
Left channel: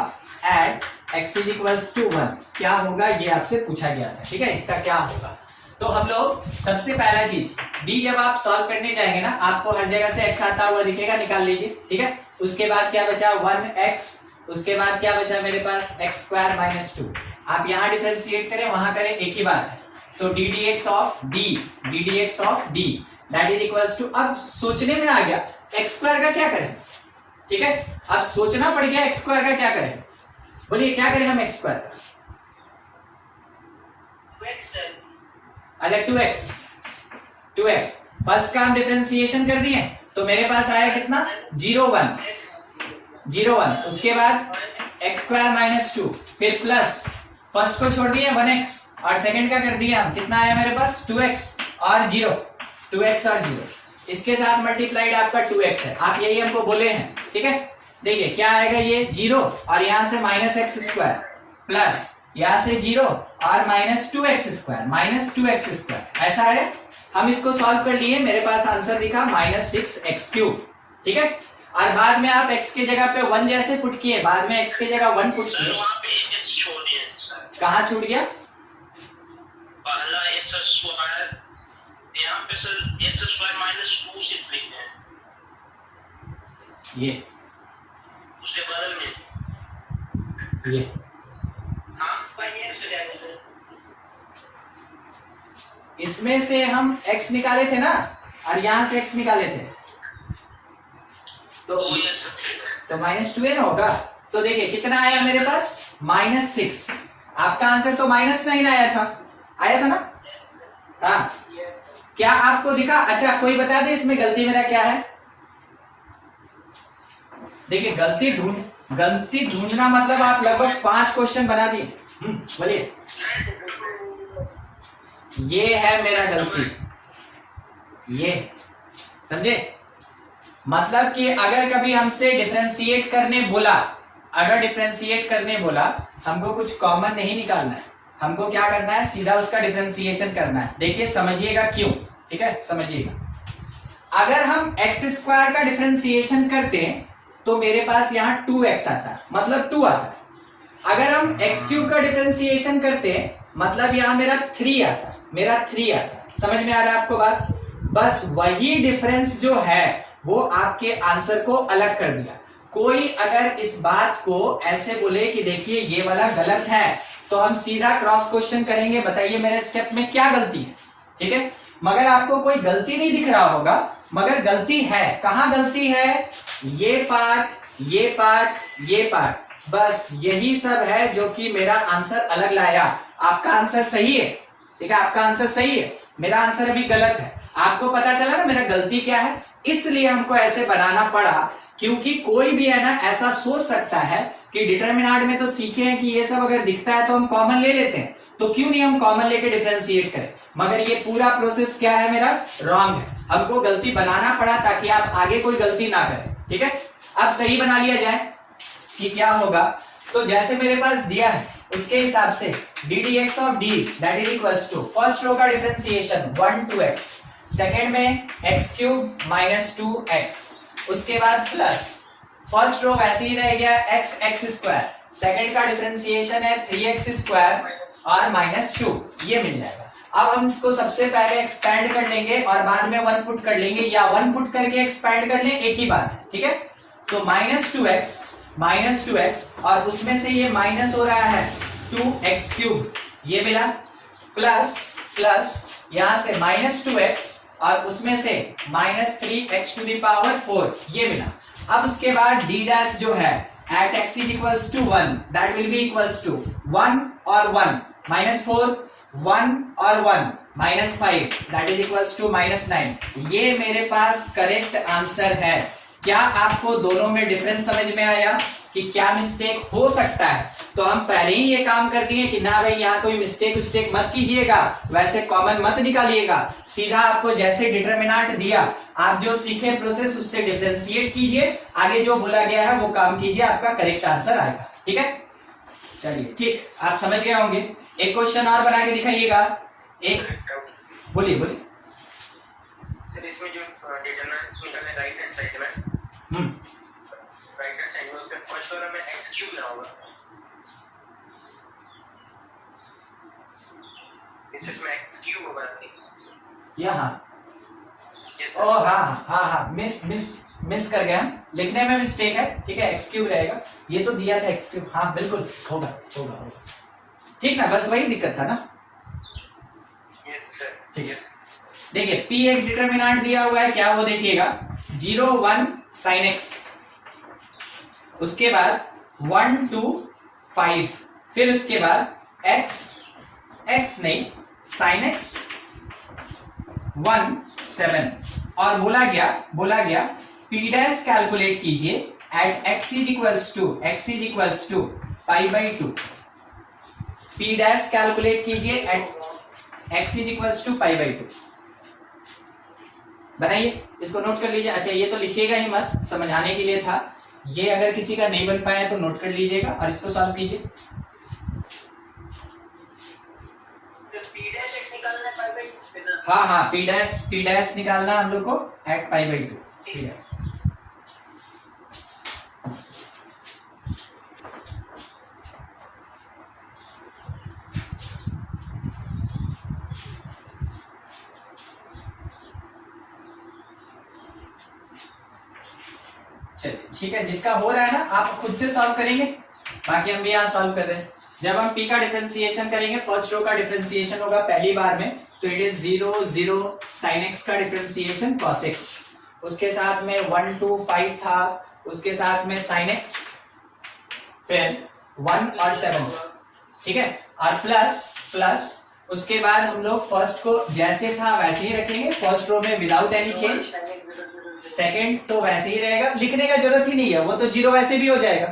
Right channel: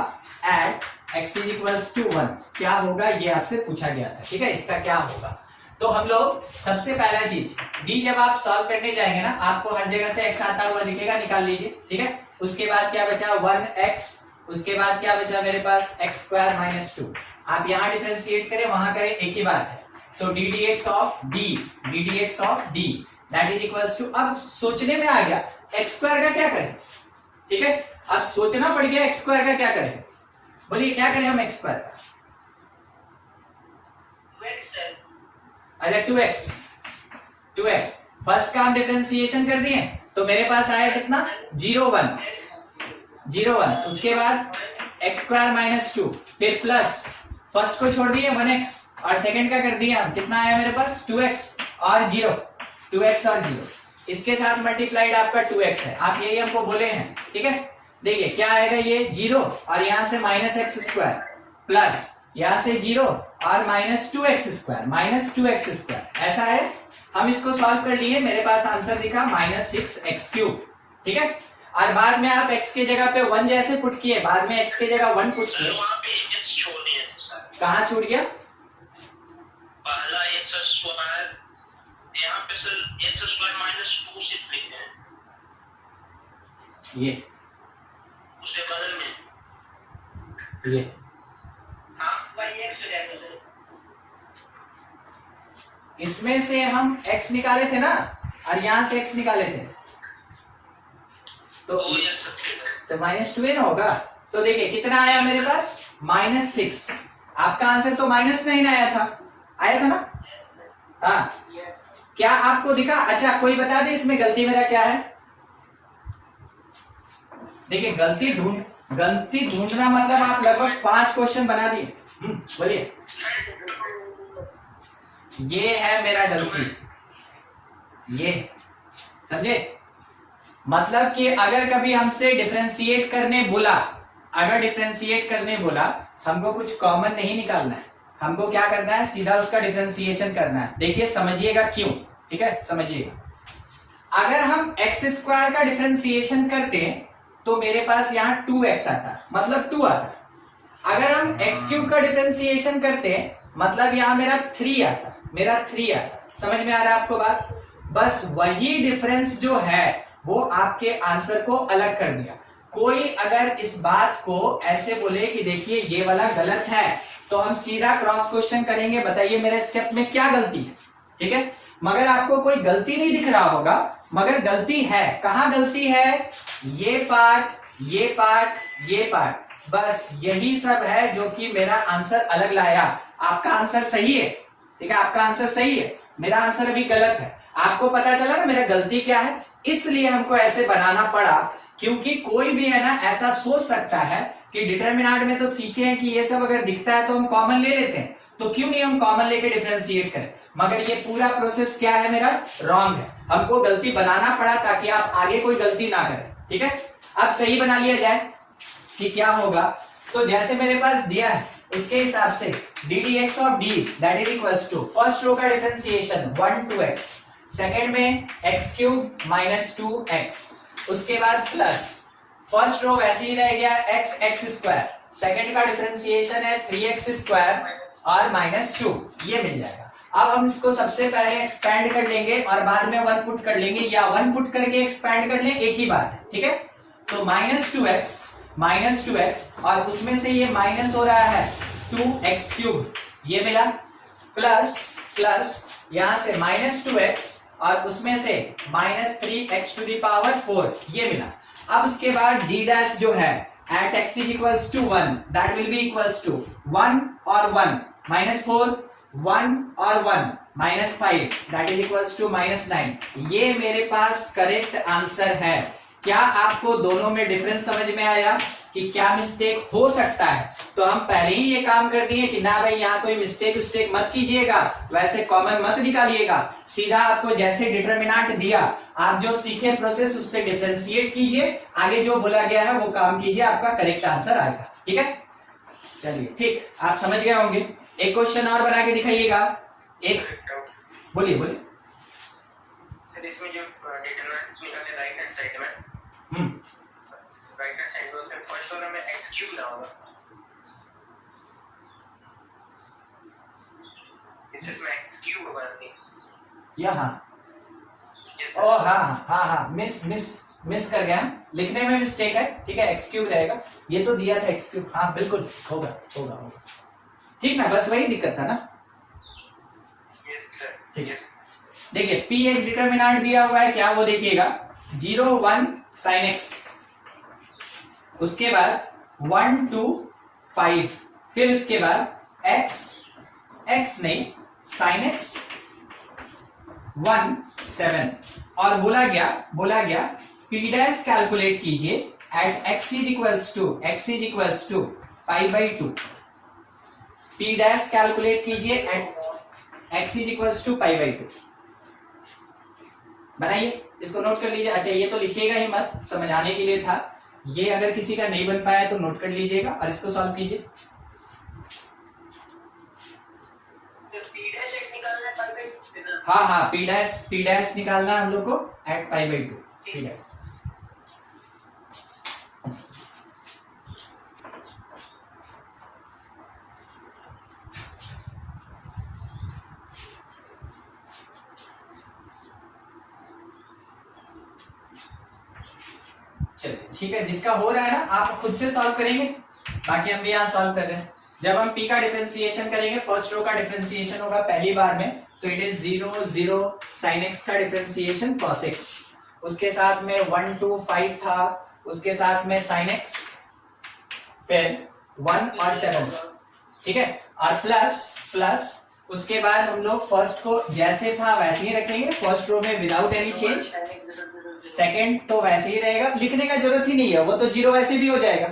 at x is equals to 1, क्या होगा ये आपसे पूछा गया था। ठीक है, इसका क्या होगा, तो हम लोग सबसे पहला चीज डी जब आप सॉल्व करने जाएंगे ना आपको हर जगह से x आता हुआ दिखेगा, निकाल लीजिए। ठीक है, उसके बाद क्या बचा 1x, उसके बाद क्या बचा मेरे पास x स्क्वायर माइनस 2। आप यहाँ डिफरेंशिएट करें वहां करें एक ही बात है, तो D D X of D that is equals to, अब सोचने में आ गया एक्स स्क्वायर का क्या करें। ठीक है, अब सोचना पड़ गया एक्स स्क्वायर का क्या करें, बोलिए क्या करें हम एक्स स्क्वायर का? 2x sir. अच्छा 2x फर्स्ट का हम डिफरेंशिएशन कर दिए तो मेरे पास आया कितना 0 1, उसके बाद एक्स स्क्वायर माइनस 2, फिर प्लस फर्स्ट को छोड़ दिए 1x और सेकंड का कर दिया हम, कितना आया मेरे पास 2x और 0, इसके साथ मल्टीप्लाइड आपका 2x है, आप यही हमको बोले हैं। ठीक है, देखिए क्या आएगा ये 0 और यहां से -x स्क्वायर प्लस यहां से 0 और -2x स्क्वायर, ऐसा है। हम इसको सॉल्व कर लिए, मेरे पास आंसर दिखा -6x क्यूब। ठीक है, और बाद में आप x की जगह पे 1 जैसे पुट किए, बाद में x की जगह 1 पुट किए, वहां पे x छोड़ दिया सर। कहाँ छूट गया? पहला x स्क्वायर, यहाँ पे सर x स्क्वायर -2 सिर्फ लिखे हैं, ये उसके बदल में ये हाँ वही x हो जाएगा सर। इसमें से हम x निकाले थे ना और यहां से x निकाले थे, तो -2 ना होगा। तो देखिए कितना आया मेरे पास -6, आपका आंसर तो -9 आया था ना? हाँ, क्या आपको दिखा? अच्छा कोई बता दे इसमें गलती मेरा क्या है? देखिए गलती ढूंढना मतलब आप लगभग 5 क्वेश्चन बना दिए। बोलिए, ये है मेरा गलती, ये समझे? मतलब कि अगर कभी हमसे डिफरेंशिएट करने बोला, हमको कुछ कॉमन नहीं निकालना है, हमको क्या करना है सीधा उसका डिफरेंशिएशन करना है। देखिए समझिएगा क्यों, ठीक है समझिएगा। अगर हम एक्स स्क्वायर का डिफरेंशिएशन करते हैं तो मेरे पास यहाँ 2x आता, मतलब 2 आता। अगर हम x क्यूब का डिफरेंशिएशन करते हैं मतलब यहाँ मेरा 3 आता। समझ में आ रहा है आपको बात? बस वही डिफरेंस जो है वो आपके आंसर को अलग कर दिया। कोई अगर इस बात को ऐसे बोले कि देखिए ये वाला गलत है तो हम सीधा क्रॉस क्वेश्चन करेंगे, बताइए मेरे स्टेप में क्या गलती है। ठीक है, मगर आपको कोई गलती नहीं दिख रहा होगा, मगर गलती है। कहां गलती है? ये पार्ट, बस यही सब है जो कि मेरा आंसर अलग लाया। आपका आंसर सही है, ठीक है, आपका आंसर सही है, मेरा आंसर अभी गलत है। आपको पता चला ना मेरा गलती क्या है? इसलिए हमको ऐसे बनाना पड़ा, क्योंकि कोई भी है ना ऐसा सोच सकता है कि डिटरमिनेंट में तो सीखे हैं कि ये सब अगर दिखता है तो हम कॉमन ले लेते हैं, तो क्यों नहीं हम कॉमन लेके डिफरेंशिएट करें। मगर ये पूरा प्रोसेस क्या है मेरा? रॉन्ग है। हमको गलती बनाना पड़ा ताकि आप आगे कोई गलती ना करें। ठीक है, अब सही बना लिया जाए कि क्या होगा। तो जैसे मेरे पास दिया है उसके हिसाब से D D X of D that is equals to first row का डिफरेंशिएशन 1 to x, सेकेंड में एक्स क्यूब माइनस 2x, उसके बाद प्लस फर्स्ट रो वैसे ही रह गया एक्स एक्स स्क्वायर, सेकेंड का डिफरेंशिएशन है 3x स्क्वायर और माइनस 2, ये मिल जाएगा। अब हम इसको सबसे पहले एक्सपैंड कर लेंगे और बाद में 1 पुट कर लेंगे, या 1 पुट करके एक्सपैंड कर लें, एक ही बात है, ठीक है। तो माइनस टू एक्स और उसमें से ये माइनस हो रहा है 2x क्यूब, ये मिला, प्लस यहां से -2x और उसमें से -3x टू द पावर 4, ये मिला। अब उसके बाद d डैश जो है at x is equals to 1 that will be equals to 1 और 1 -4, 1 और 1 -5 दैट इज इक्वल्स टू -9। ये मेरे पास करेक्ट आंसर है। क्या आपको दोनों में डिफरेंस समझ में आया कि क्या मिस्टेक हो सकता है? तो हम पहले ही ये काम कर दिए कि ना भाई यहाँ कोई मिस्टेक मत कीजिएगा, वैसे कॉमन मत निकालिएगा, सीधा आपको जैसे डिटरमिनेंट दिया आप जो सीखे प्रोसेस उससे डिफरेंशिएट कीजिए, आगे जो बोला गया है वो काम कीजिए, आपका करेक्ट आंसर आएगा। ठीक है, चलिए ठीक, आप समझ गए होंगे। एक क्वेश्चन और बना के दिखाइएगा। एक बोलिए सर, इसमें जो डिटरमिनेंट निकलने राइट हैंड साइड में, राइट हैंड साइड में उसमें फर्स्ट वाला में x क्यूब ना होगा, इसमें x क्यूब होगा नहीं यहाँ। ओ हाँ, मिस कर गया, लिखने में मिस्टेक है, ठीक है, एक्स क्यूब रहेगा, ये तो दिया था एक्स क्यूब, हाँ बिल्कुल होगा, ठीक ना, बस वही दिक्कत था ना। यस सर, ठीक है, देखिए P एक डिटरमिनेंट दिया हुआ है, क्या वो देखिएगा 0 1 sin x, उसके बाद 1 2 5, फिर उसके बाद x नहीं sin x 1 7, और बोला गया P डैश कैलकुलेट कीजिए at x is equals to pi by 2। P dash calculate कीजिए at x is equals to pi by 2। बनाइए, इसको नोट कर लीजिए। अच्छा, ये तो लिखिएगा ही मत, समझाने के लिए था ये, अगर किसी का नहीं बन पाया तो नोट कर लीजिएगा और इसको सॉल्व कीजिए। हाँ, P डैश निकालना है हम लोग को एट पाई बाई 2, ठीक है। चलिए ठीक है, जिसका हो रहा है ना आप खुद से सॉल्व करेंगे, बाकी हम भी यहाँ सॉल्व कर रहे हैं। जब हम P का डिफरेंशिएशन करेंगे, फर्स्ट रो का डिफरेंशिएशन होगा पहली बार में, तो इट इज 0 0 sin x का डिफरेंशिएशन cos x, उसके साथ में 1 2 5 था, उसके साथ में sin x, फिर 1 और 7, ठीक है, और प्लस उसके बाद हम लोग फर्स्ट को जैसे था वैसे ही रखेंगे, फर्स्ट रो में विदाउट एनी चेंज, सेकेंड तो वैसे ही रहेगा, लिखने का जरूरत ही नहीं है, वो तो 0 वैसे भी हो जाएगा।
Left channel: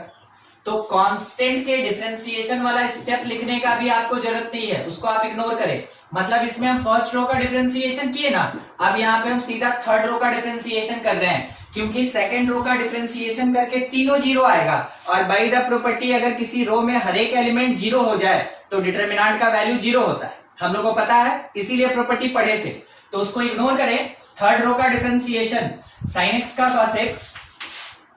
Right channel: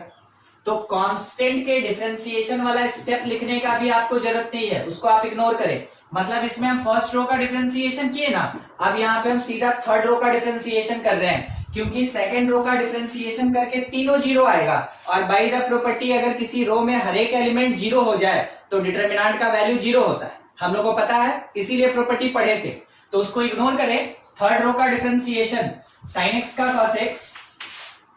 तो कांस्टेंट के डिफरेंशिएशन वाला स्टेप लिखने का भी आपको जरूरत नहीं है, उसको आप इग्नोर करें। मतलब इसमें हम फर्स्ट रो का डिफरेंशिएशन किए ना, अब यहाँ पे हम सीधा थर्ड रो का डिफरेंशिएशन कर रहे हैं, क्योंकि सेकंड रो का डिफरेंशिएशन करके तीनों 0 आएगा, और बाय द प्रॉपर्टी अगर किसी रो में हर एक एलिमेंट 0 हो जाए तो डिटरमिनेंट का वैल्यू 0 होता है, हम लोग को पता है, इसीलिए प्रॉपर्टी पढ़े थे, तो उसको इग्नोर करें। थर्ड रो का डिफरेंशिएशन sin x का cos x,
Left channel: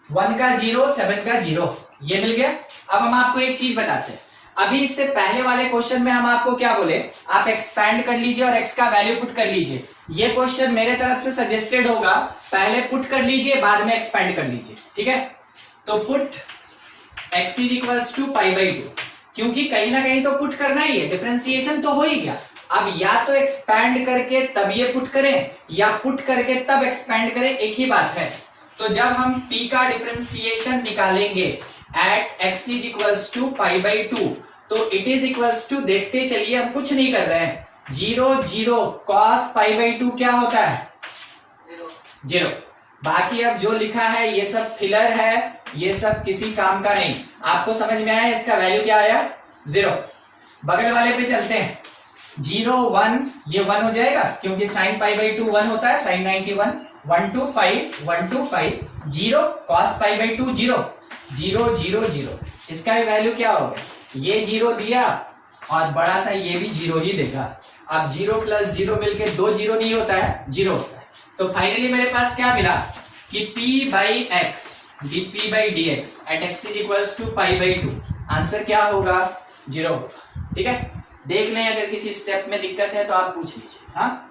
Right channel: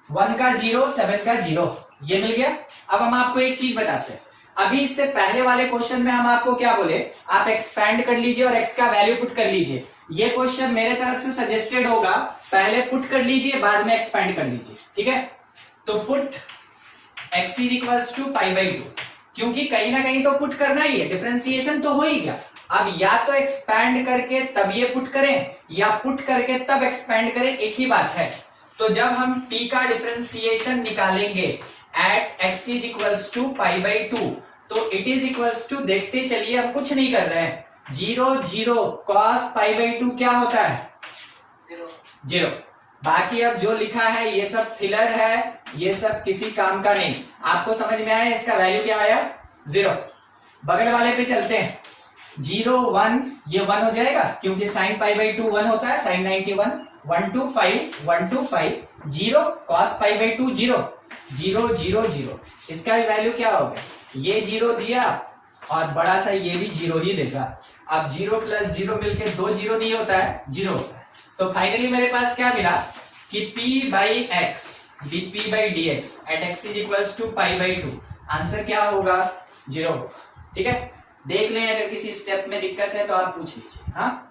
1 का 0 7 का 0, ये मिल गया। अब हम आपको एक चीज बताते हैं, अभी इससे पहले वाले क्वेश्चन में हम आपको क्या बोले, आप एक्सपैंड कर लीजिए और x का वैल्यू पुट कर लीजिए। ये क्वेश्चन मेरे तरफ से सजेस्टेड होगा, पहले पुट कर लीजिए बाद में एक्सपैंड कर लीजिए, ठीक है। तो put x is equals to pi by 2, क्योंकि कहीं ना कहीं तो पुट करना ही है, डिफरेंशिएशन तो हो ही गया। अब या तो एक्सपैंड करके तब ये पुट करें, या पुट करके तब एक्सपैंड करें, एक ही बात है। तो जब हम P का डिफरेंशिएशन निकालेंगे at x is equals to pi by 2, तो इट इज इक्वल्स टू, देखते चलिए हम कुछ नहीं कर रहे हैं, 0 0 cos पाई बाई 2 क्या होता है 0। बाकी अब जो लिखा है ये सब फिलर है, ये सब किसी काम का नहीं। आपको समझ में आया इसका वैल्यू क्या आया 0। बगल वाले पे चलते हैं, 0 1 ये 1 हो जाएगा, क्योंकि sin पाई बाई 2 1 होता है, sin 91, 1 2 5 1 2 5 zero, cos pi by 2 zero, zero zero zero, इसका भी वैल्यू क्या होगा, ये जीरो दिया और बड़ा सा ये भी जीरो ही देगा। अब जीरो प्लस जीरो मिलके 2 जीरो नहीं होता है, जीरो होता है। तो फाइनली मेरे पास क्या मिला कि p by X dp by D X at X is equals to pi by 2, answer क्या होगा, जीरो होगा। ठीक है, देख लें, अगर किसी स्टेप में दिक्कत है तो आप पूछ लीजिए। हाँ,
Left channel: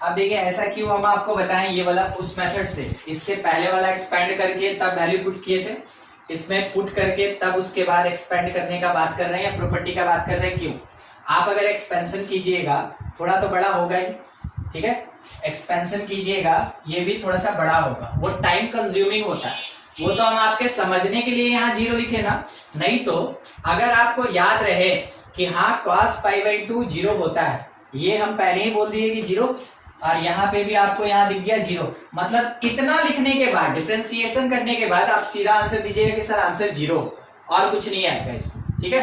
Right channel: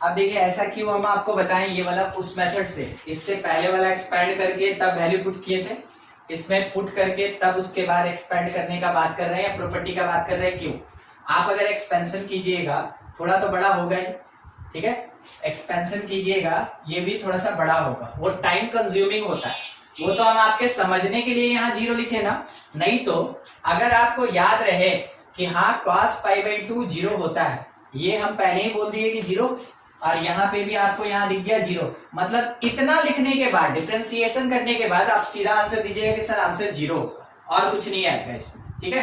अब देखिए ऐसा क्यों हम आपको बताएं, ये वाला उस मेथड से, इससे पहले वाला एक्सपेंड करके तब वैल्यू पुट किए थे, इसमें पुट करके तब उसके बाद एक्सपेंड करने का बात कर रहे हैं या प्रॉपर्टी का बात कर रहे हैं। क्यों, आप अगर एक्सपेंशन कीजिएगा थोड़ा तो बड़ा होगा ही, ठीक है, एक्सपेंशन कीजिएगा ये भी थोड़ा सा बड़ा होगा, वो टाइम कंज्यूमिंग होता है। वो तो हम आपके समझने के लिए यहाँ जीरो लिखे ना, नहीं तो अगर आपको याद रहे कि हाँ cos पाई बाई 2 जीरो होता है, ये हम पहले ही बोल दिए कि जीरो, और यहाँ पे भी आपको यहाँ दिख गया जीरो, मतलब इतना लिखने के बाद, डिफरेंशिएशन करने के बाद आप सीधा आंसर दीजिएगा कि सर आंसर जीरो, और कुछ नहीं आएगा इसमें। ठीक है,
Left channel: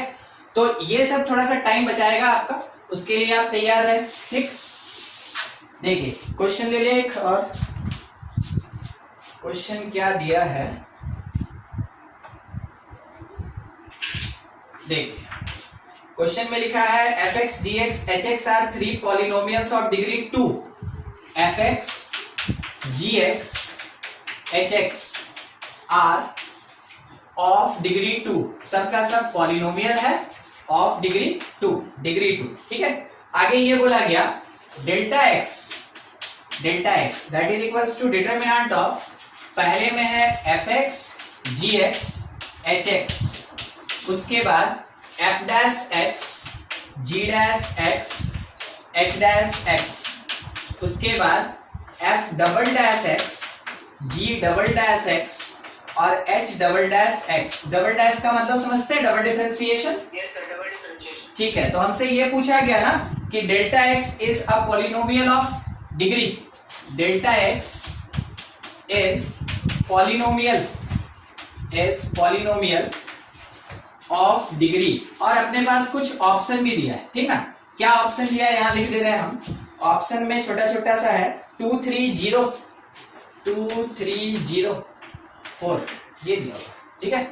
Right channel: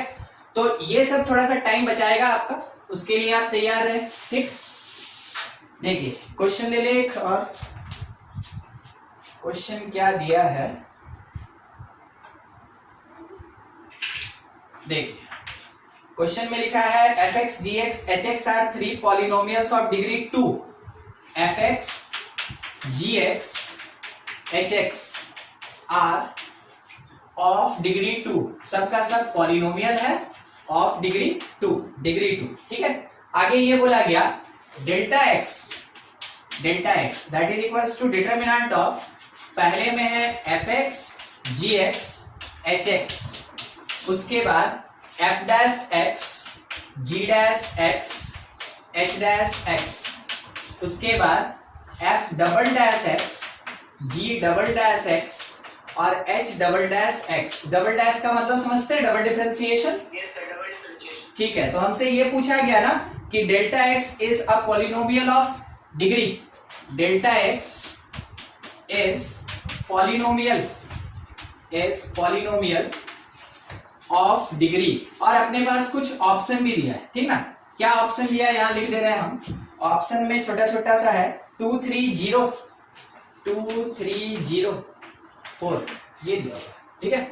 तो ये सब थोड़ा सा टाइम बचाएगा आपका, उसके लिए आप तैयार रहे। ठीक, देखिए क्वेश्चन ले ले एक और, क्वेश्चन क्या दिया है देखिए, क्वेश्चन में लिखा है fx gx hx are 3 polynomials of degree 2, fx gx hx are of degree 2, सबका सब पॉलिनोमियल है, ऑफ डिग्री 2, डिग्री 2। ठीक है, आगे ये बोला गया delta X that is equals to determinant of, पहले में है fx gx hx, उसके बाद f dash x g dash x h dash x, उसके बाद f double dash x g double dash x और h double dash x। Double dash का मतलब समझते हैं, डबल डिफरेंशिएशन। ठीक है, तो हमसे ये पूछा गया ना कि delta x is a polynomial of degree, delta x is polynomial of degree, और अपने पास कुछ ऑप्शन भी दिया है। ठीक ना, क्या ऑप्शन दिया है यहां लिख दे रहे हैं हम, ऑप्शन में छोटा छोटा सा है 2 3 0 2 3 0 4, ये दिया होगा। ठीक है,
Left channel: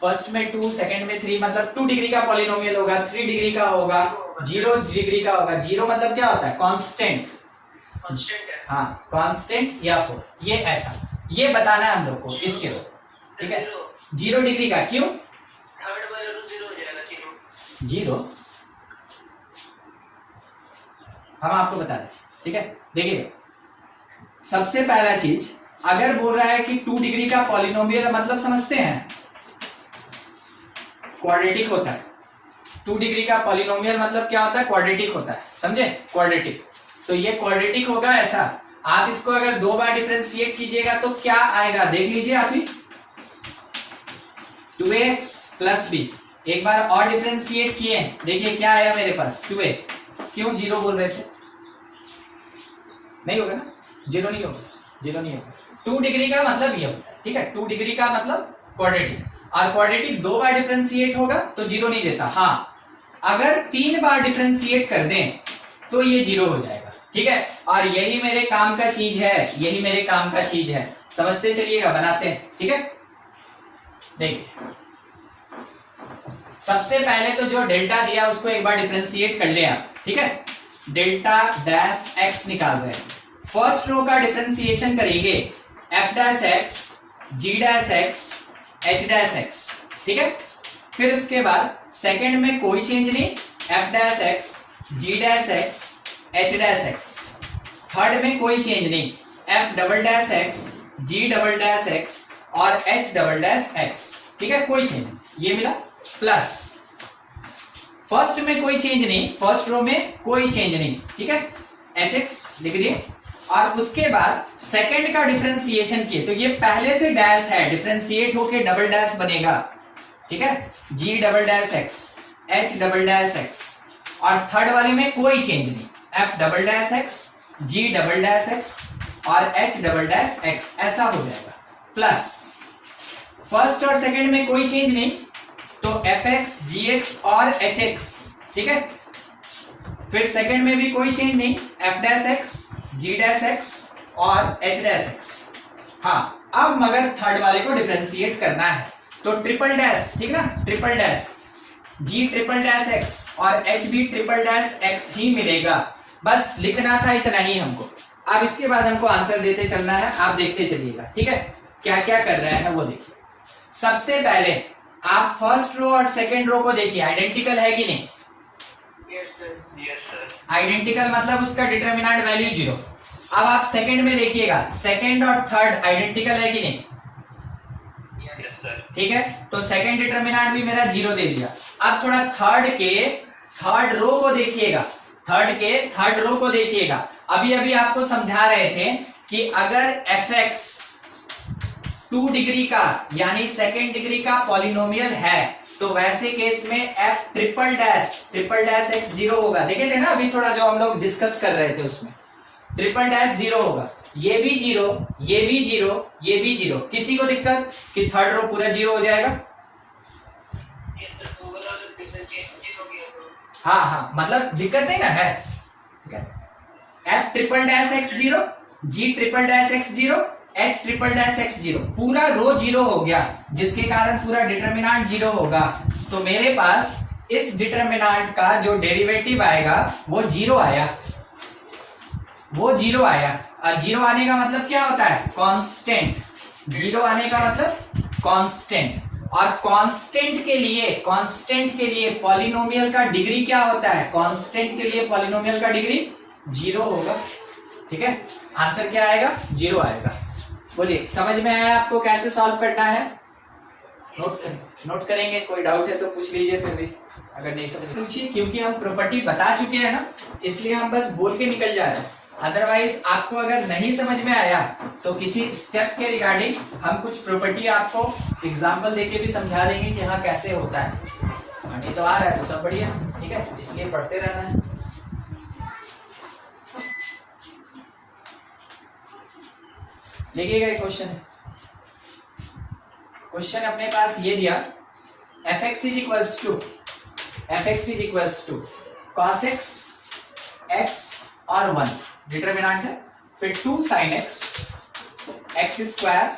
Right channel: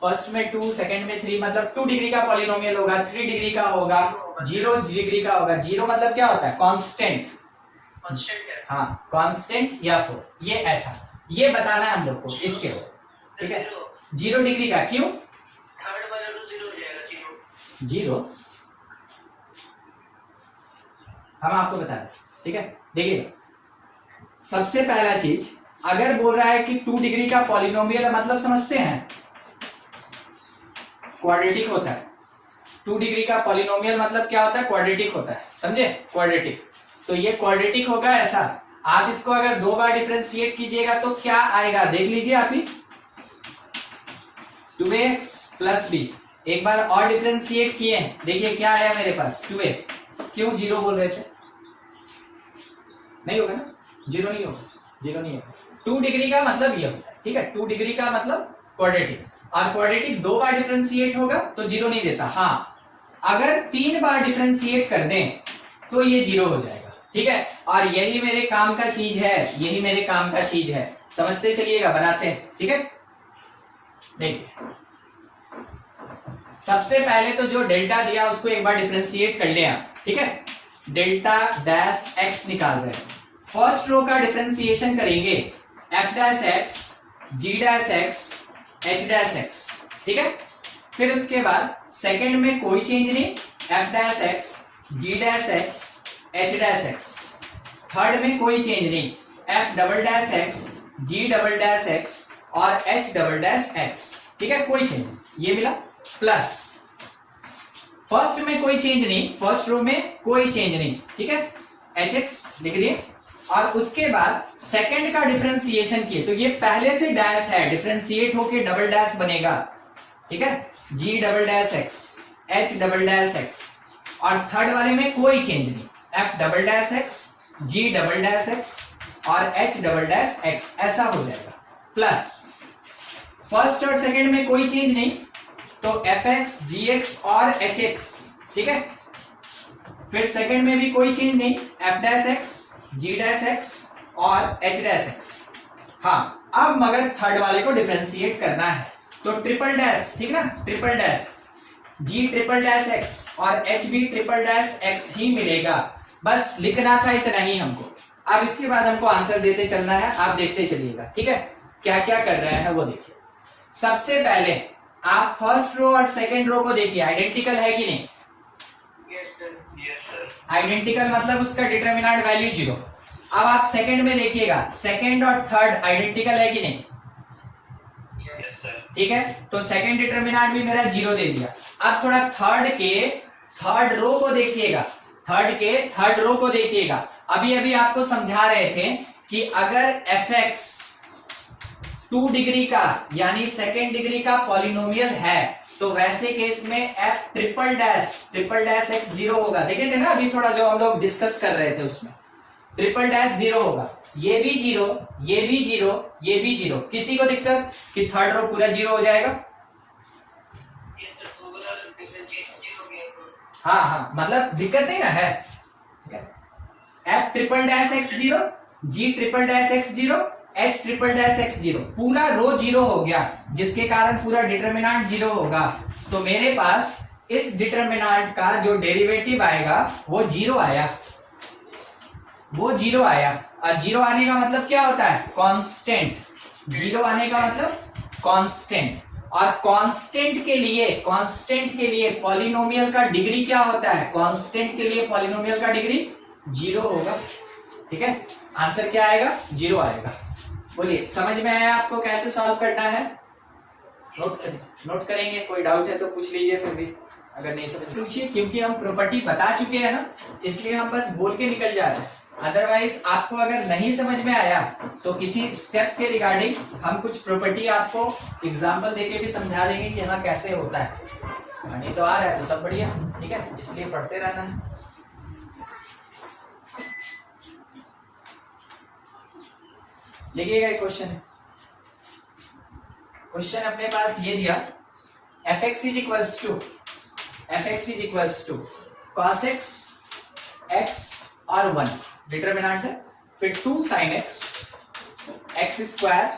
फर्स्ट में 2, सेकंड में 3, मतलब 2 डिग्री का पॉलिनोमियल होगा, 3 डिग्री का होगा, 0 डिग्री का होगा। 0 मतलब क्या होता है, कांस्टेंट, हाँ कांस्टेंट या 4, ये ऐसा, ये बताना है हम लोग को इसके लिए। ठीक है, 0 डिग्री का, क्यों, जीरो हम आपको बता दें। ठीक है, देखिए सबसे पहला चीज, अगर बोल रहा है कि 2 डिग्री का पॉलिनोमियल, मतलब समझते हैं क्वाड्रेटिक होता है। 2 डिग्री का पॉलिनोमियल मतलब क्या होता है, क्वाड्रेटिक होता है, समझे, क्वाड्रेटिक। तो ये क्वाड्रेटिक होगा ऐसा, आप इसको अगर 2 बार डिफरेंशिएट कीजिएगा तो क्या आएगा, देख लीजिए आप ही, 2x प्लस b। एक बार और डिफरेंशिएट किए, देखिए क्या आया मेरे पास, 2a। क्यों 0 बोल रहे थे, नहीं होगा ना, 0 नहीं होगा, 0 नहीं होगा। 2 डिग्री का मतलब ये होता है। ठीक है, 2 डिग्री का मतलब क्वाड्रेटिक, और क्वाड्रेटिक 2 बार डिफरेंशिएट होगा तो 0 नहीं देता। हाँ, अगर 3 बार डिफरेंशिएट कर दें तो ये 0 हो जाएगा। ठीक है, और यही मेरे काम का चीज है, यही मेरे काम का चीज है, समझते चलिएगा, बनाते हैं। ठीक है, देखिए सबसे पहले तो जो डेल्टा दिया उसको एक बार डिफरेंशिएट कर ले आप। ठीक है, डेल्टा डैश एक्स निकाल रहे हैं, फर्स्ट रो का डिफरेंशिएशन करेंगे, F dash X G dash X H dash X. ठीक है, फिर उसके बाद सेकंड में कोई चेंज नहीं, F dash X G dash X H dash X. Third में कोई चेंज नहीं, F double dash X G double dash X और एच डबल डैश एक्स। ठीक है, कोई चेंज, ये मिला, प्लस फर्स्ट में कोई चेंज नहीं, फर्स्ट रो में कोई चेंज नहीं। ठीक है, एच एक्स लिख दिए, और उसके बाद सेकंड का डिफरेंशिएशन किए, तो ये पहले से डैश है, डिफरेंशिएट होके डबल डैश बनेगा। ठीक है, G double dash X H double dash X, और थर्ड वाले में कोई चेंज नहीं, F double dash X G double dash X और एच डबल डैश एक्स, ऐसा हो जाएगा। प्लस फर्स्ट और सेकंड में कोई चेंज नहीं, तो fx, gx और hx, ठीक है। फिर सेकंड में भी कोई चेंज नहीं, f dash x, g dash x और h डैश x। हाँ, अब मगर थर्ड वाले को डिफरेंशिएट करना है तो ट्रिपल डैश, ठीक ना, triple dash g triple dash x और h भी ट्रिपल डैश x ही मिलेगा। बस लिखना था इतना ही हमको। अब इसके बाद हमको आंसर देते चलना है, आप देखते चलिएगा, ठीक है। क्या क्या कर रहे हैं वो देखिए। सबसे पहले आप फर्स्ट रो और सेकंड रो को देखिए, आइडेंटिकल है कि नहीं? Yes sir. आइडेंटिकल मतलब उसका डिटरमिनेंट वैल्यू 0। अब आप सेकंड में देखिएगा, सेकंड और थर्ड आइडेंटिकल है कि नहीं? Yes sir. ठीक है, तो सेकंड डिटरमिनेंट भी मेरा 0 दे दिया। अब थोड़ा थर्ड के थर्ड रो को देखिएगा, थर्ड के थर्ड रो को देखिएगा। अभी अभी आपको समझा रहे थे कि अगर fx 2 डिग्री का यानी सेकेंड डिग्री का पॉलिनोमियल है तो वैसे केस में f ट्रिपल डैश x 0 होगा। देखे थे ना अभी थोड़ा जो हम लोग डिस्कस कर रहे थे, उसमें ट्रिपल डैश 0 होगा। ये भी 0, ये भी 0, ये भी 0। किसी को दिक्कत कि थर्ड रो पूरा 0 हो जाएगा? हाँ हाँ, मतलब दिक्कत नहीं ना है। f triple dash x 0, g triple dash x 0, h triple dash x 0, पूरा रो 0 हो गया, जिसके कारण पूरा डिटरमिनेंट 0 होगा। तो मेरे पास इस डिटरमिनेंट का जो डेरिवेटिव आएगा वो 0 आया, वो 0 आया। और 0 आने का मतलब क्या होता है? कांस्टेंट। 0 आने का मतलब कांस्टेंट। और कांस्टेंट के लिए पॉलिनोमियल का डिग्री क्या होता है? कांस्टेंट के लिए पॉलिनोमियल का डिग्री 0 होगा, ठीक है। आंसर क्या आएगा? 0 आएगा। बोलिए, समझ में आया आपको कैसे सॉल्व करना है? नोट करेंगे, कोई डाउट है तो पूछ लीजिए, फिर भी अगर नहीं समझ पूछिए, क्योंकि हम प्रॉपर्टी बता चुके हैं ना, इसलिए हम बस बोल के निकल जा रहे हैं। अदरवाइज आपको अगर नहीं समझ में आया तो किसी स्टेप के रिगार्डिंग हम कुछ प्रॉपर्टी आपको एग्जाम्पल देके भी समझा देंगे कि हाँ कैसे होता है। नहीं तो आ रहा है तो सब बढ़िया, ठीक है, इसलिए पढ़ते रहना है। देखिएगा क्वेश्चन, क्वेश्चन अपने पास ये दिया, fx is equals to cos x और 1 डिटरमिनेंट है, फिर 2 sin x square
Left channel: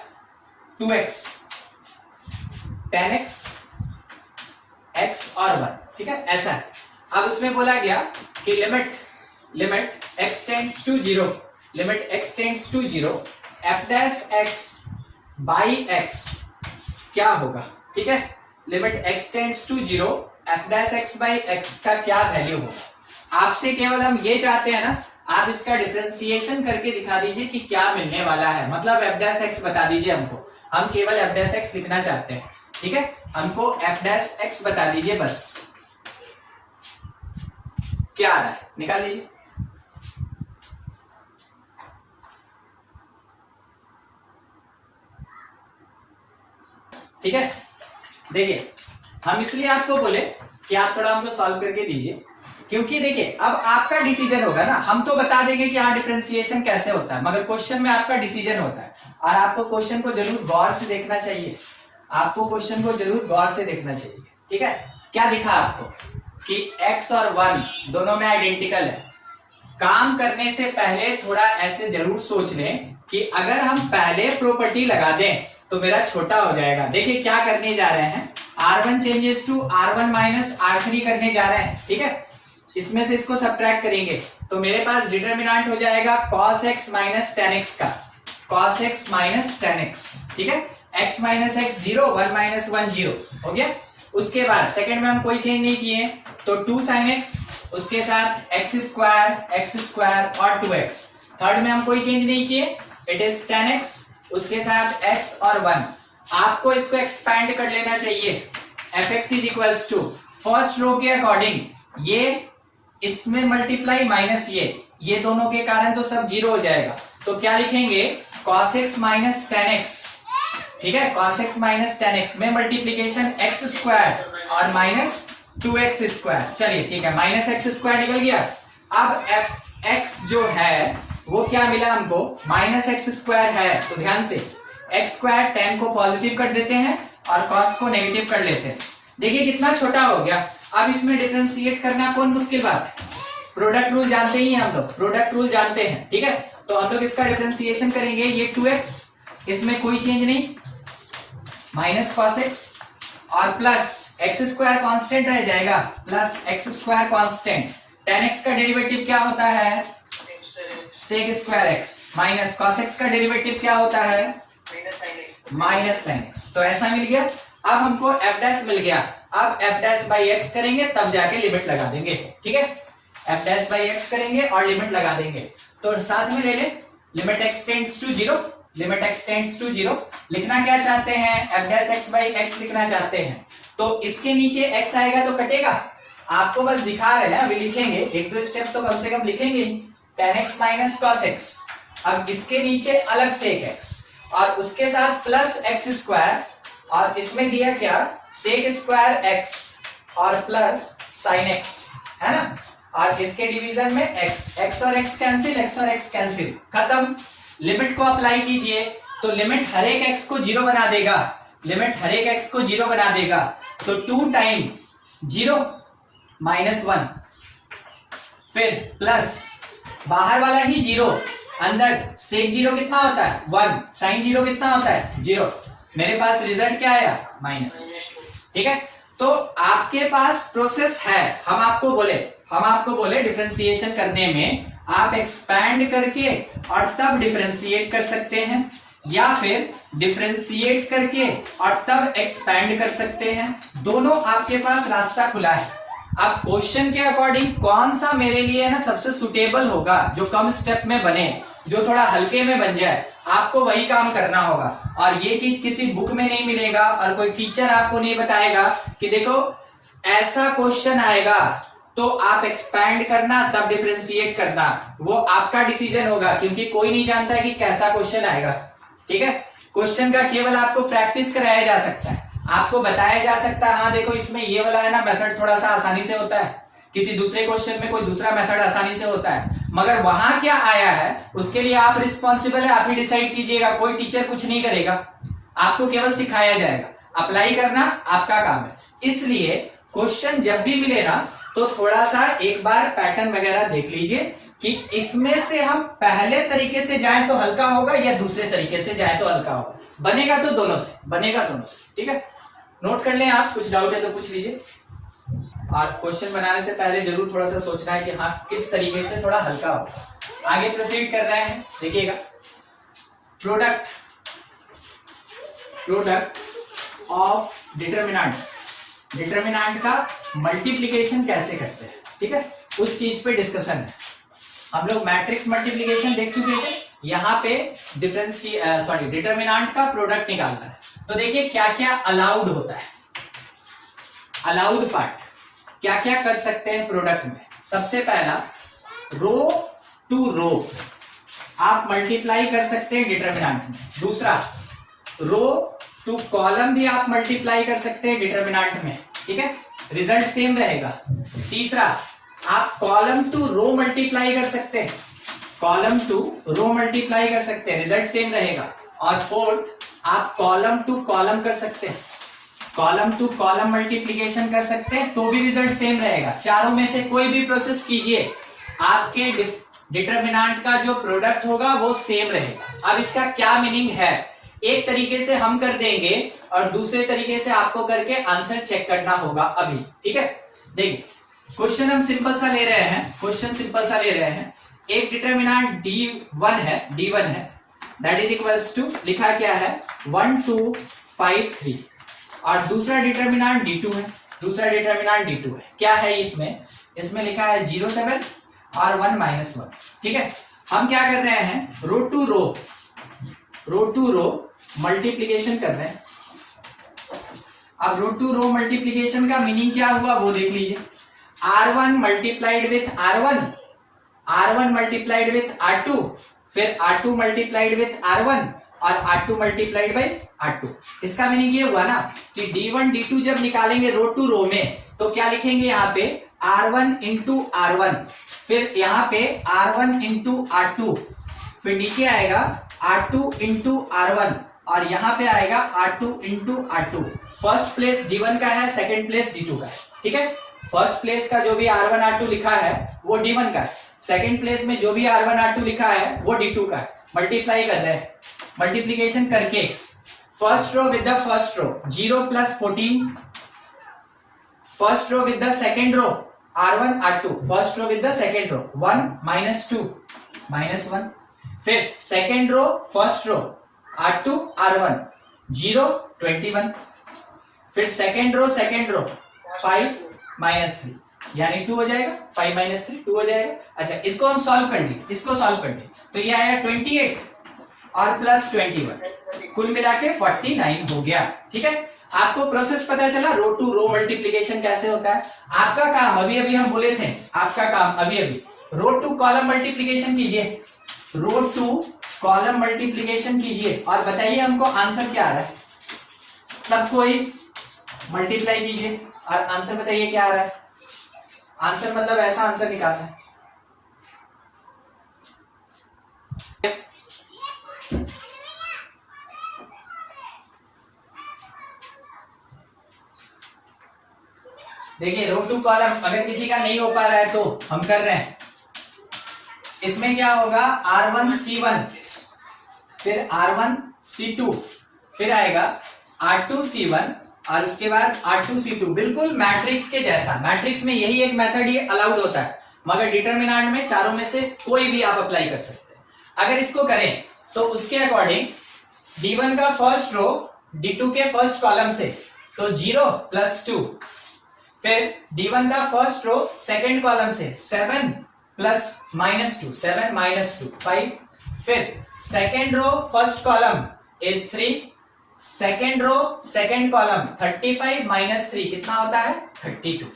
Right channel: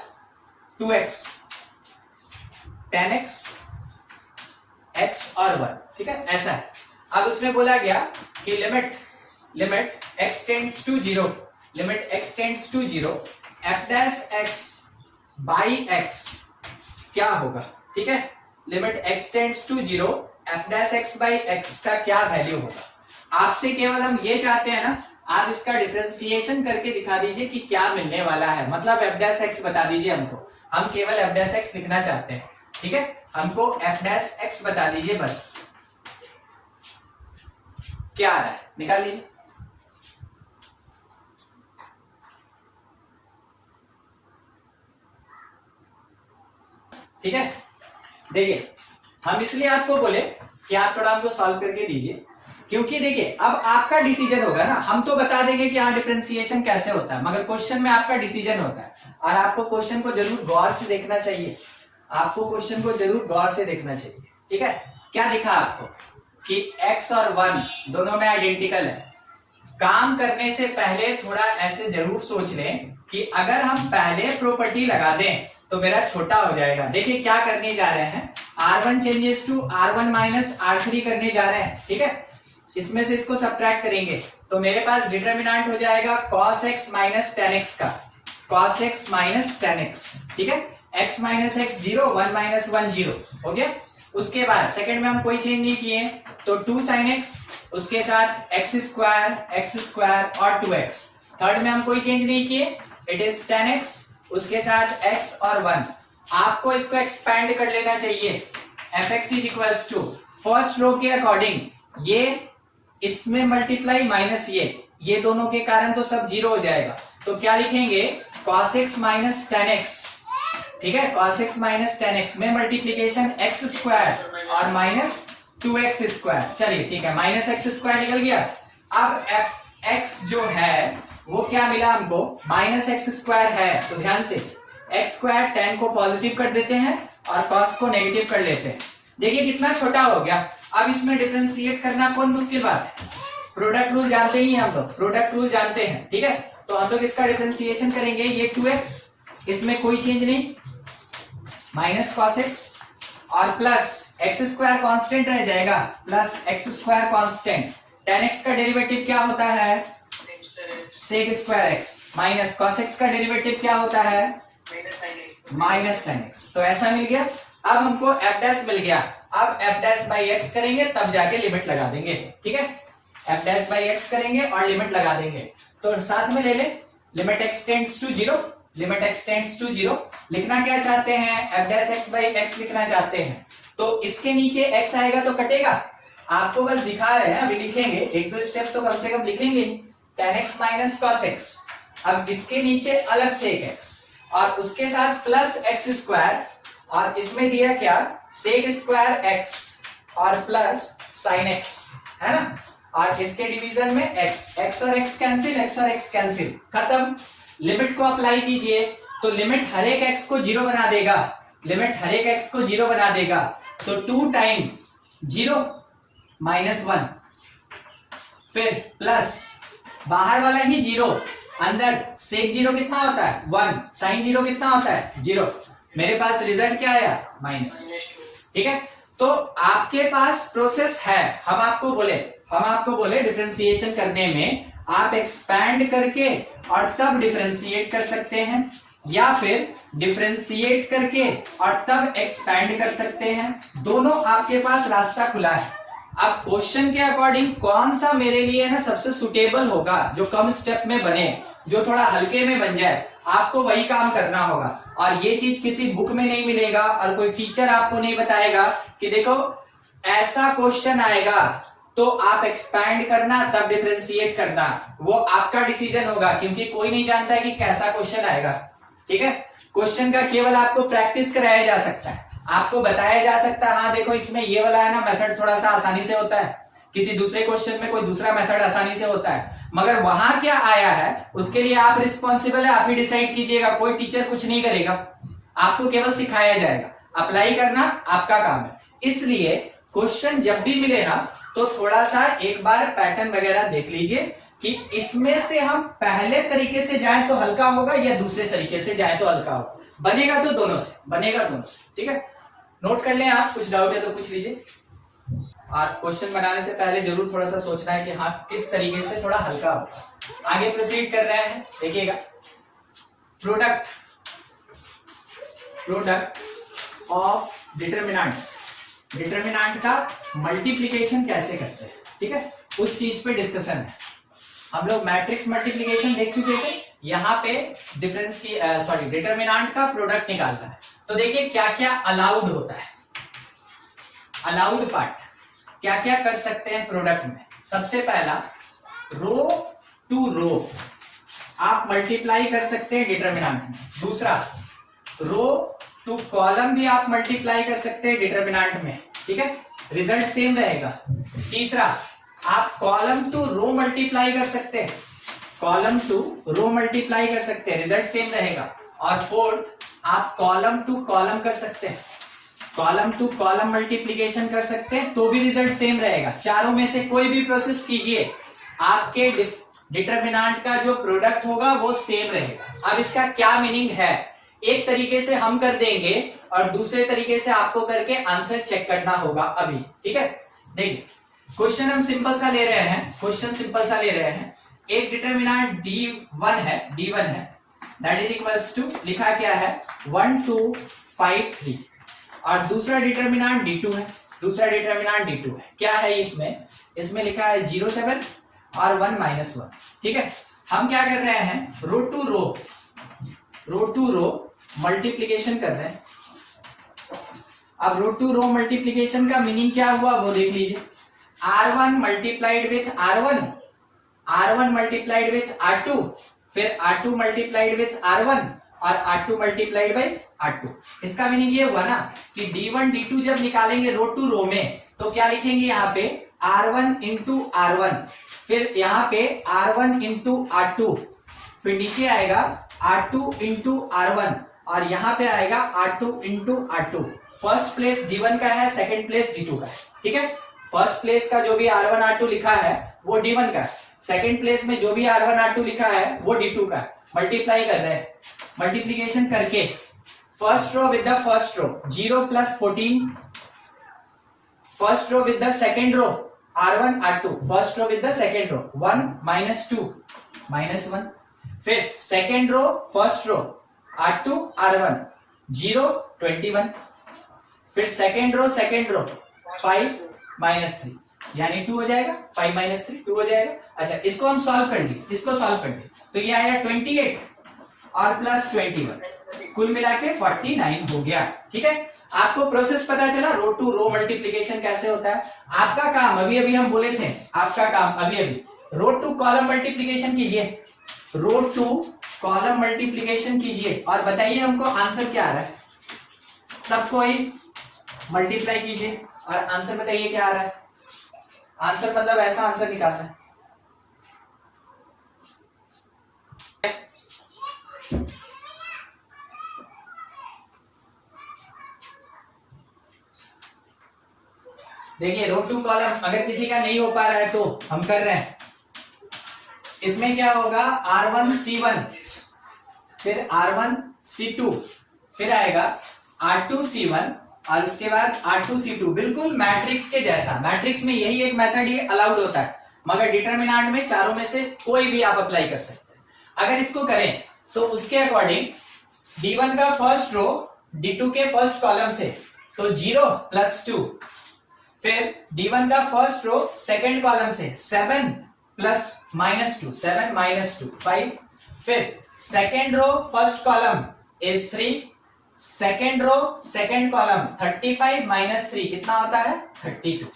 2x tan x और 1, ठीक है, ऐसा है। अब उसमें बोला गया कि limit x tends to 0 f dash x by x क्या होगा, ठीक है। Limit x tends to 0 f dash x by x का क्या वैल्यू होगा? आपसे केवल हम ये चाहते हैं ना, आप इसका डिफरेंशिएशन करके दिखा दीजिए कि क्या मिलने वाला है, मतलब f डैश x बता दीजिए हमको। हम केवल f डैश x लिखना चाहते हैं, ठीक है। हमको f डैश x बता दीजिए बस, क्या आ रहा है निकाल लीजिए। ठीक है, देखिए हम इसलिए आपको बोले कि आप थोड़ा हमको सॉल्व करके दीजिए, क्योंकि देखिए अब आपका डिसीजन होगा ना। हम तो बता देंगे कि हाँ डिफरेंशिएशन कैसे होता है, मगर क्वेश्चन में आपका डिसीजन होता है और आपको क्वेश्चन को जरूर गौर से देखना चाहिए, आपको क्वेश्चन को जरूर गौर से देखना चाहिए, ठीक है। क्या दिखा आपको कि x और 1 दोनों में आइडेंटिकल है। काम करने से पहले थोड़ा ऐसे जरूर सोच लें कि अगर हम पहले प्रॉपर्टी लगा दें तो मेरा छोटा हो जाएगा। देखिए क्या करने जा रहे हैं, R1 changes to R1 minus R3 करने जा रहे हैं, ठीक है। इसमें से इसको सब्ट्रैक्ट करेंगे तो मेरे पास डिटरमिनेंट हो जाएगा cos x minus tan x का, cos x minus tan x, ठीक है। x माइनस x 0, 1 माइनस 1 0 हो गया। उसके बाद सेकंड में हम कोई चेंज नहीं किए तो 2 sin x, उसके साथ x स्क्वायर और 2x। थर्ड में हम कोई चेंज नहीं किए, इट इज tan x, उसके साथ x और 1। आपको इसको एक्सपैंड कर लेना चाहिए। fx is equals to first row के अकॉर्डिंग ये इसमें मल्टीप्लाई माइनस ये दोनों के कारण तो सब 0 हो जाएगा। तो क्या लिखेंगे, cos x minus tan x, ठीक है। cos x minus tan x में मल्टीप्लीकेशन x स्क्वायर और माइनस 2x स्क्वायर। चलिए ठीक है, माइनस x स्क्वायर निकल गया। अब fx जो है वो क्या मिला हमको, माइनस x स्क्वायर है, तो ध्यान से x स्क्वायर tan को पॉजिटिव कर देते हैं और cos को नेगेटिव कर लेते हैं। देखिए कितना छोटा हो गया। अब इसमें डिफरेंशिएट करना कौन मुश्किल बात है, प्रोडक्ट रूल जानते ही हम लोग, प्रोडक्ट रूल जानते हैं, ठीक है। तो हम लोग इसका डिफरेंशिएशन करेंगे, ये 2x, इसमें कोई चेंज नहीं, माइनस cos x और प्लस एक्स स्क्वायर कॉन्स्टेंट रह जाएगा, plus x square constant, tan x का डेरिवेटिव क्या होता है, sec square x, minus cos x का डेरिवेटिव क्या होता है, माइनस sin x। तो ऐसा मिल गया। अब हमको f डैश मिल गया, अब f डैश बाई x करेंगे तब जाके लिमिट लगा देंगे, ठीक है। f डैश बाई x करेंगे और लिमिट लगा देंगे। तो साथ में ले ले, limit x tends to 0, limit x tends to 0। लिखना क्या चाहते हैं, f dash x by x लिखना चाहते हैं। तो इसके नीचे x आएगा तो कटेगा, आपको बस दिखा रहे हैं, अभी लिखेंगे, एक दो स्टेप तो कम से कम लिखेंगे। tan x minus cos x, अब इसके नीचे अलग से एक x और उसके साथ प्लस एक्स स्क्वायर, और इसमें दिया क्या, सेक स्क्वायर x और प्लस साइन x, है ना। और इसके डिवीजन में x और x कैंसिल, x और x कैंसिल, खत्म। लिमिट को अप्लाई कीजिए तो लिमिट हर एक x को 0 बना देगा, लिमिट हर एक x को 0 बना देगा। तो 2 टाइम 0 माइनस 1, फिर प्लस बाहर वाला ही 0, अंदर सेक 0 कितना होता है 1, साइन 0 कितना होता है 0, मेरे पास रिजल्ट क्या आया माइनस, ठीक है। तो आपके पास प्रोसेस है, हम आपको बोले डिफरेंशिएशन करने में आप एक्सपैंड करके और तब डिफरेंशिएट कर सकते हैं, या फिर डिफरेंशिएट करके और तब एक्सपैंड कर सकते हैं, दोनों आपके पास रास्ता खुला है। अब क्वेश्चन के अकॉर्डिंग कौन सा मेरे लिए ना सबसे सुटेबल होगा, जो कम स्टेप में बने, जो थोड़ा हल्के में बन जाए, आपको वही काम करना होगा। और ये चीज किसी बुक में नहीं मिलेगा और कोई टीचर आपको नहीं बताएगा कि देखो ऐसा क्वेश्चन आएगा तो आप एक्सपैंड करना तब डिफरेंशिएट करना, वो आपका डिसीजन होगा, क्योंकि कोई नहीं जानता है कि कैसा क्वेश्चन आएगा, ठीक है। क्वेश्चन का केवल आपको प्रैक्टिस कराया जा सकता है, आपको बताया जा सकता है, हाँ देखो इसमें ये वाला है ना मेथड थोड़ा सा आसानी से होता है, किसी दूसरे क्वेश्चन में कोई दूसरा मेथड आसानी से होता है, मगर वहां क्या आया है उसके लिए आप रिस्पॉन्सिबल है, आप ही डिसाइड कीजिएगा, कोई टीचर कुछ नहीं करेगा, आपको केवल सिखाया जाएगा, अप्लाई करना आपका काम है। इसलिए क्वेश्चन जब भी मिले ना तो थोड़ा सा एक बार पैटर्न वगैरह देख लीजिए कि इसमें से हम पहले तरीके से जाएं तो हल्का होगा या दूसरे तरीके से जाएं तो हल्का होगा, बनेगा तो दोनों से, बनेगा दोनों से, ठीक है। नोट कर लें आप, कुछ डाउट है तो पूछ लीजिए। आप क्वेश्चन बनाने से पहले जरूर थोड़ा सा सोचना है कि हाँ किस तरीके से थोड़ा हल्का हो। आगे प्रोसीड कर रहे हैं, देखिएगा प्रोडक्ट ऑफ डिटरमिनेंट्स, डिटरमिनेंट का मल्टीप्लिकेशन कैसे करते हैं, ठीक है, उस चीज पे डिस्कशन है। हम लोग मैट्रिक्स मल्टीप्लिकेशन देख चुके थे, यहाँ पे डिटरमिनेंट का प्रोडक्ट निकालना है। तो देखिए क्या क्या अलाउड होता है, अलाउड पार्ट क्या क्या कर सकते हैं प्रोडक्ट में। सबसे पहला रो टू रो आप मल्टीप्लाई कर सकते हैं डिटरमिनेंट में। दूसरा रो टू कॉलम भी आप मल्टीप्लाई कर सकते हैं डिटरमिनेंट में, ठीक है, रिजल्ट सेम रहेगा। तीसरा आप कॉलम टू रो मल्टीप्लाई कर सकते हैं, कॉलम टू रो मल्टीप्लाई कर सकते हैं, रिजल्ट सेम रहेगा। और फोर्थ आप कॉलम टू कॉलम कर सकते हैं, कॉलम टू कॉलम मल्टीप्लीकेशन कर सकते हैं तो भी रिजल्ट सेम रहेगा। चारों में से कोई भी प्रोसेस कीजिए आपके डिटरमिनेंट का जो प्रोडक्ट होगा वो सेम रहेगा। अब इसका क्या मीनिंग है, एक तरीके से हम कर देंगे और दूसरे तरीके से आपको करके आंसर चेक करना होगा अभी, ठीक है। देखिए क्वेश्चन हम सिंपल सा ले रहे हैं, क्वेश्चन सिंपल सा ले रहे हैं। एक डिटरमिनेंट D1 है, दैट इज इक्वल्स टू, लिखा क्या है 1 2 5 3, और दूसरा डिटरमिनेंट D2 है, दूसरा डिटरमिनेंट D2 है। क्या है इसमें लिखा है 0 7 और 1 -1, ठीक है। हम क्या कर रहे हैं, रो टू रो मल्टीप्लीकेशन कर रहे हैं। अब रो टू रो मल्टीप्लीकेशन का मीनिंग क्या हुआ वो देख लीजिए। R1 multiplied with R1, R1 multiplied with R2, फिर R2 मल्टीप्लाइड विथ R1 और R2 मल्टीप्लाइड बाई R2। इसका मीनिंग ये हुआ ना कि D1 D2 जब निकालेंगे रो टू रो में तो क्या लिखेंगे यहाँ पे R1 इंटू R1, फिर यहाँ पे R1 इंटू R2, फिर नीचे आएगा R2 इंटू R1 और यहाँ पे आएगा R2 into R2, first place D1 का है, सेकंड प्लेस D2 का है, ठीक है। फर्स्ट प्लेस का जो भी R1 R2 लिखा है वो D1 का है, सेकंड प्लेस में जो भी R1 R2 लिखा है वो D2 का है। मल्टीप्लाई कर रहे हैं, मल्टीप्लीकेशन करके first row with the first row 0 + 14, first row with the second row R1 R2, first row with the second row 1 - 2 -1, फिर second row first row R2 R1 0 21, फिर सेकंड रो 5 -3 यानी 2 हो जाएगा, 5 - 3 2 हो जाएगा। अच्छा, इसको हम सॉल्व कर दिए, इसको सॉल्व कर दिए तो ये आया 28 और प्लस 21, कुल मिला के 49 हो गया, ठीक है। आपको प्रोसेस पता चला, रो टू रो मल्टीप्लीकेशन कैसे होता है। आपका काम अभी अभी हम बोले थे, आपका काम अभी अभी रो टू कॉलम मल्टीप्लीकेशन कीजिए, रो टू कॉलम मल्टीप्लीकेशन कीजिए और बताइए हमको आंसर क्या आ रहा है। सबको ही मल्टीप्लाई कीजिए और आंसर बताइए क्या आ रहा है। आंसर मतलब ऐसा आंसर निकालना है। देखिए रो टू कॉलम अगर किसी का नहीं हो पा रहा है तो हम कर रहे हैं। इसमें क्या होगा, R1 C1, फिर R1 C2, फिर आएगा R2 C1 और उसके बाद R2 C2, बिल्कुल मैट्रिक्स के जैसा। मैट्रिक्स में यही एक मेथड ये अलाउड होता है, मगर डिटरमिनेंट में चारों में से कोई भी आप अप्लाई कर सकते हैं। अगर इसको करें तो उसके अकॉर्डिंग D1 का फर्स्ट रो D2 के फर्स्ट कॉलम से तो 0 + 2, फिर D1 का फर्स्ट रो सेकंड कॉलम से 7 + -2 7 - 2 5, फिर second row first column is 3, second row second column 35 - 3 कितना होता है 32।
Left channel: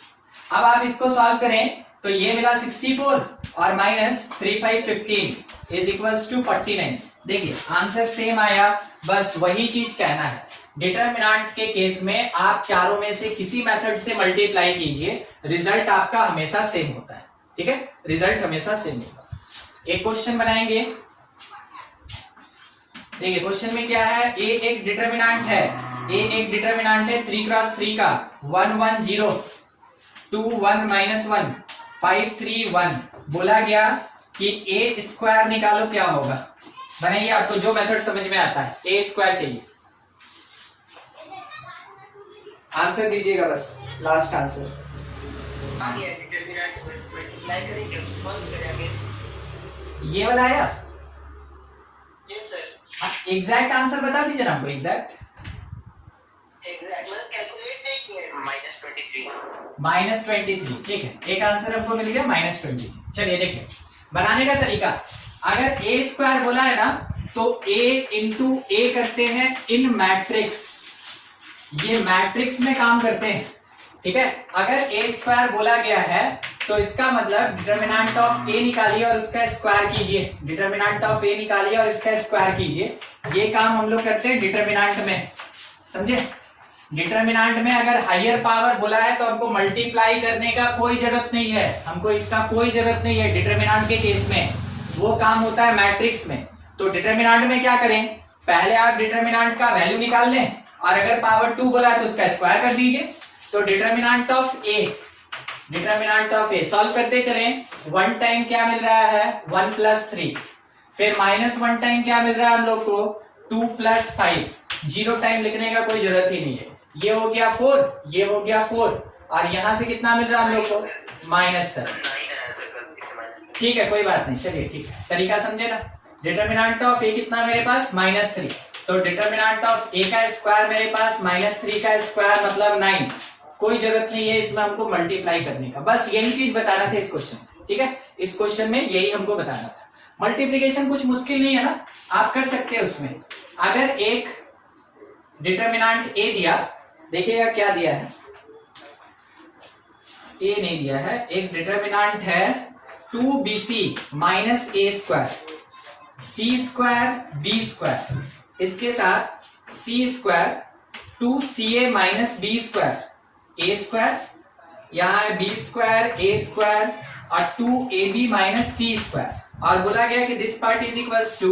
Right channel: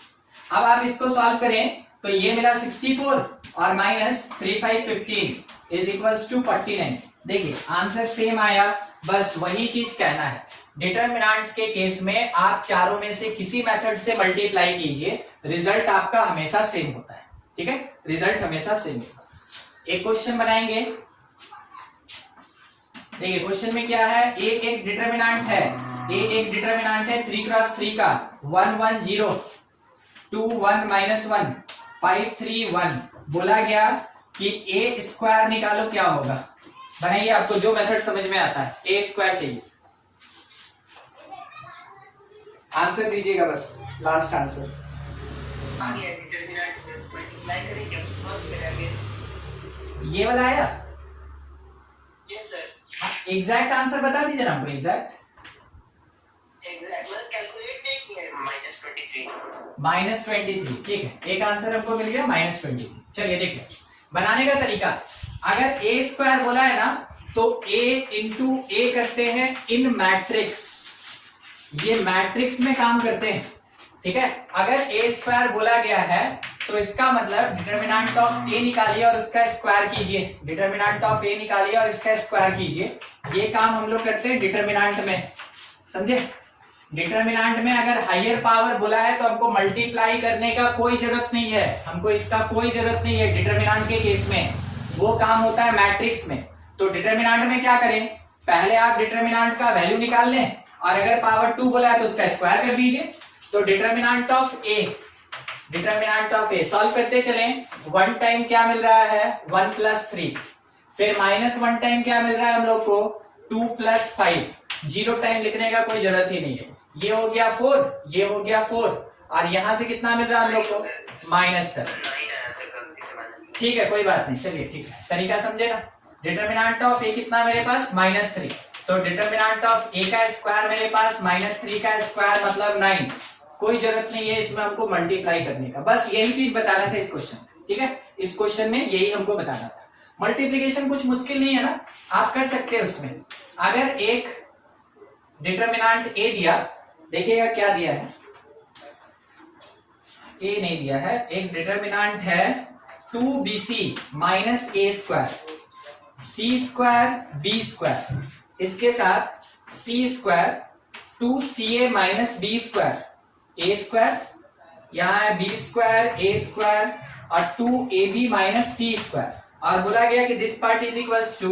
अब आप इसको सॉल्व करें तो ये मिला 64 और -3 5 15 इज इक्वल्स टू 49। देखिए आंसर सेम आया, बस वही चीज कहना है। डिटरमिनेंट के केस में आप चारों में से किसी मेथड से मल्टीप्लाई कीजिए, रिजल्ट आपका हमेशा सेम होता है, ठीक है, रिजल्ट हमेशा सेम होगा। एक क्वेश्चन बनाएंगे, देखिए क्वेश्चन में क्या है, ए एक डिटरमिनेंट है, ए एक डिटरमिनेंट है 3 × 3 का 1 1 0 2 1 -1 5 3 1। बोला गया कि ए स्क्वायर निकालो, क्या होगा बनाइए, आपको जो मेथड समझ में आता है। ए स्क्वायर चाहिए, आंसर दीजिएगा बस, लास्ट आंसर। ये वाला आया, एग्जैक्ट आंसर बता दीजिए ना हमको, एग्जैक्ट -23, ठीक है, एक आंसर हमको मिल गया -23। चलिए देखिए बनाने का तरीका, अगर ए स्क्वायर बोला है ना तो a इंटू ए करते हैं इन मैट्रिक्स, ये मैट्रिक्स में काम करते हैं, ठीक है। अगर ए स्क्वायर बोला गया है तो इसका मतलब डिटरमिनेंट ऑफ ए निकालिए और उसका स्क्वायर कीजिए, डिटरमिनेंट ऑफ ए निकालिए और इसका स्क्वायर कीजिए। ये काम हम लोग करते हैं डिटरमिनेंट में, समझे। डिटरमिनेंट में अगर हायर पावर बोला है तो हमको मल्टीप्लाई करने का कोई जरूरत नहीं है, हमको इसका कोई जरूरत नहीं है डिटरमिनेंट के केस में, वो काम होता है मैट्रिक्स में। तो डिटरमिनेंट में क्या करें, पहले आप डिटरमिनेंट का वैल्यू निकाल लें और अगर पावर 2 बोला है तो उसका स्क्वायर कर दीजिए। तो डिटरमिनेंट ऑफ ए सॉल्व करते चले, 1 टाइम क्या मिल रहा है 1 + 3, फिर -1 टाइम क्या मिल रहा है हम लोग को 2 + 5, 0 टाइम लिखने का कोई जरूरत ही नहीं है। ये हो गया 4, ये हो गया 4 और यहां से कितना मिल रहा है हम लोग को -7, ठीक है कोई बात नहीं। चलिए ठीक है, तरीका समझे ना। डिटरमिनेंट ऑफ ए कितना मेरे पास -3, तो डिटरमिनेंट ऑफ ए का स्क्वायर मेरे पास -3 का स्क्वायर मतलब 9। कोई जरूरत नहीं है इसमें हमको मल्टीप्लाई करने का, बस यही चीज बताना था इस क्वेश्चन, ठीक है। इस क्वेश्चन में यही हमको बताना था। मल्टीप्लीकेशन कुछ मुश्किल नहीं है ना, आप कर सकते हैं उसमें। अगर एक डिटरमिनेंट ए दिया, देखिएगा क्या दिया है, ए नहीं दिया है, एक डिटरमिनेंट है 2bc - a², c² b², इसके साथ c² 2ca - b², a², यहाँ है b² a² और 2ab - c², और बोला गया कि this part is equals to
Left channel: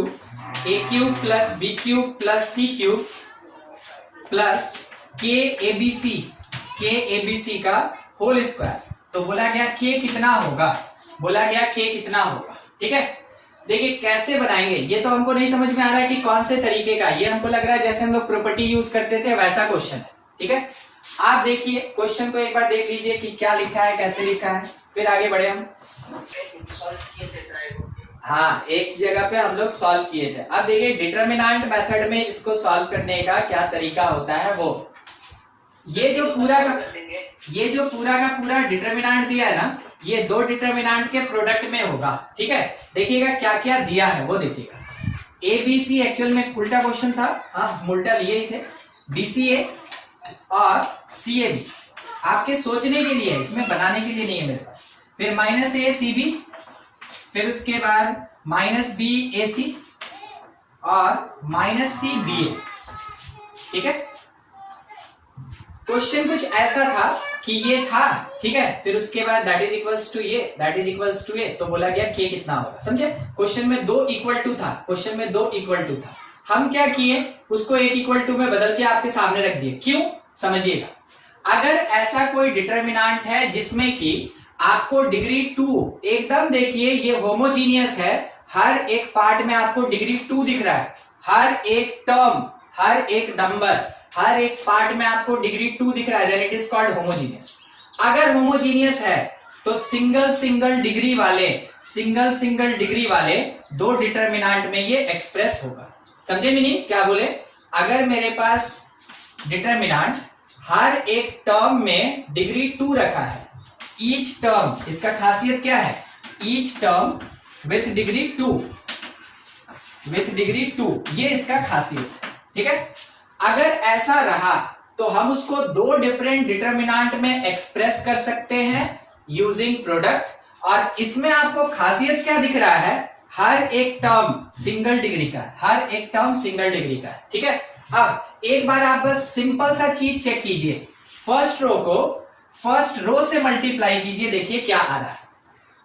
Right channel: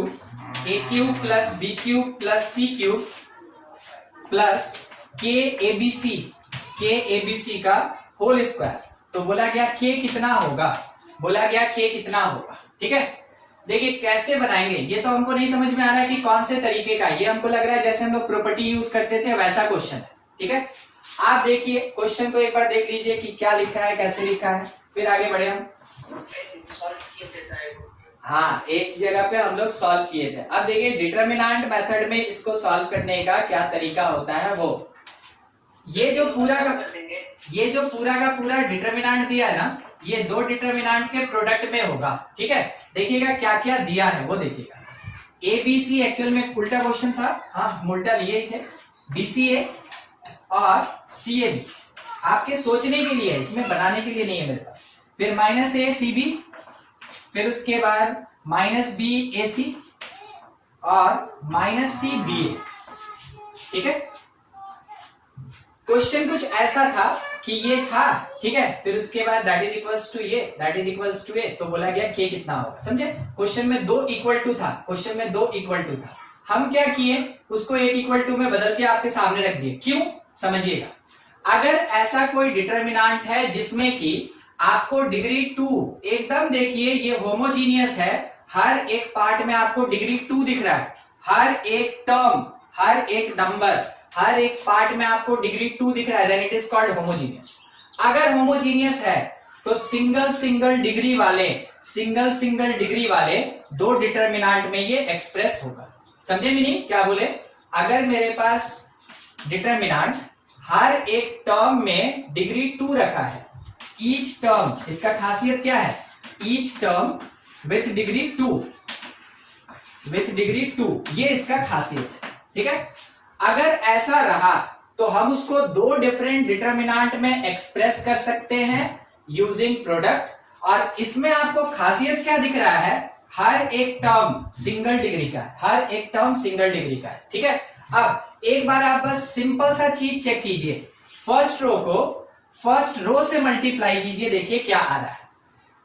a³ + b³ + c³ + के ए बी सी का होल स्क्वायर। तो बोला गया के कितना होगा, बोला गया के कितना होगा। ठीक है, देखिए कैसे बनाएंगे, ये तो हमको नहीं समझ में आ रहा है कि कौन से तरीके का, ये हमको लग रहा है जैसे हम लोग प्रॉपर्टी यूज करते थे वैसा क्वेश्चन है। ठीक है, आप देखिए क्वेश्चन को एक बार देख लीजिए कि क्या लिखा है, कैसे लिखा है, फिर आगे बढ़े हम। हाँ, एक जगह पे हम लोग सॉल्व किए थे। अब देखिए डिटरमिनेंट मेथड में इसको सॉल्व करने का क्या तरीका होता है वो, ये जो पूरा का पूरा डिटरमिनेंट दिया है ना, ये दो डिटरमिनेंट के प्रोडक्ट में होगा। ठीक है, देखिएगा क्या क्या दिया है वो देखिएगा। ए बी सी एक्चुअल में उल्टा क्वेश्चन था, हाँ उल्टा लिए ही थे, बी सी ए और सी ए बी आपके सोचने के लिए, इसमें बनाने के लिए नहीं है मेरे पास। फिर माइनस ए सी बी, फिर उसके बाद माइनस बी ए सी और माइनस सी बी ए। ठीक है, क्वेश्चन कुछ ऐसा था कि ये था। ठीक है, फिर उसके बाद दैट इज इक्वल्स टू ये, दैट इज इक्वल्स टू ए, तो बोला गया के कितना होगा। समझे, क्वेश्चन में दो इक्वल टू था, क्वेश्चन में दो इक्वल टू था, हम क्या किए उसको एक इक्वल टू में बदल के आपके सामने रख दिए। क्यों, समझिएगा, अगर ऐसा कोई डिटरमिनेंट है जिसमें कि आपको डिग्री 2 एकदम, देखिए ये होमोजीनियस है, हर एक पार्ट में आपको डिग्री 2 दिख रहा है, हर एक टर्म, हर एक नंबर, हर एक पार्ट में आपको डिग्री 2 दिख रहा है, then it is called homogeneous. अगर होमोजीनियस है तो सिंगल सिंगल डिग्री वाले दो डिटरमिनेंट में ये एक्सप्रेस होगा। समझे मीनिंग क्या बोले, अगर मेरे पास डिटरमिनेंट हर एक टर्म में डिग्री 2 रखा है, ईच टर्म, इसका खासियत क्या है, ईच टर्म विथ डिग्री 2, ये इसका खासियत है। ठीक है, अगर ऐसा रहा तो हम उसको दो डिफरेंट डिटरमिनेंट में एक्सप्रेस कर सकते हैं यूजिंग प्रोडक्ट। और इसमें आपको खासियत क्या दिख रहा है, हर एक टर्म सिंगल डिग्री का है, हर एक टर्म सिंगल डिग्री का है। ठीक है, अब एक बार आप बस सिंपल सा चीज चेक कीजिए, फर्स्ट रो को फर्स्ट रो से मल्टीप्लाई कीजिए, देखिए क्या आ रहा है,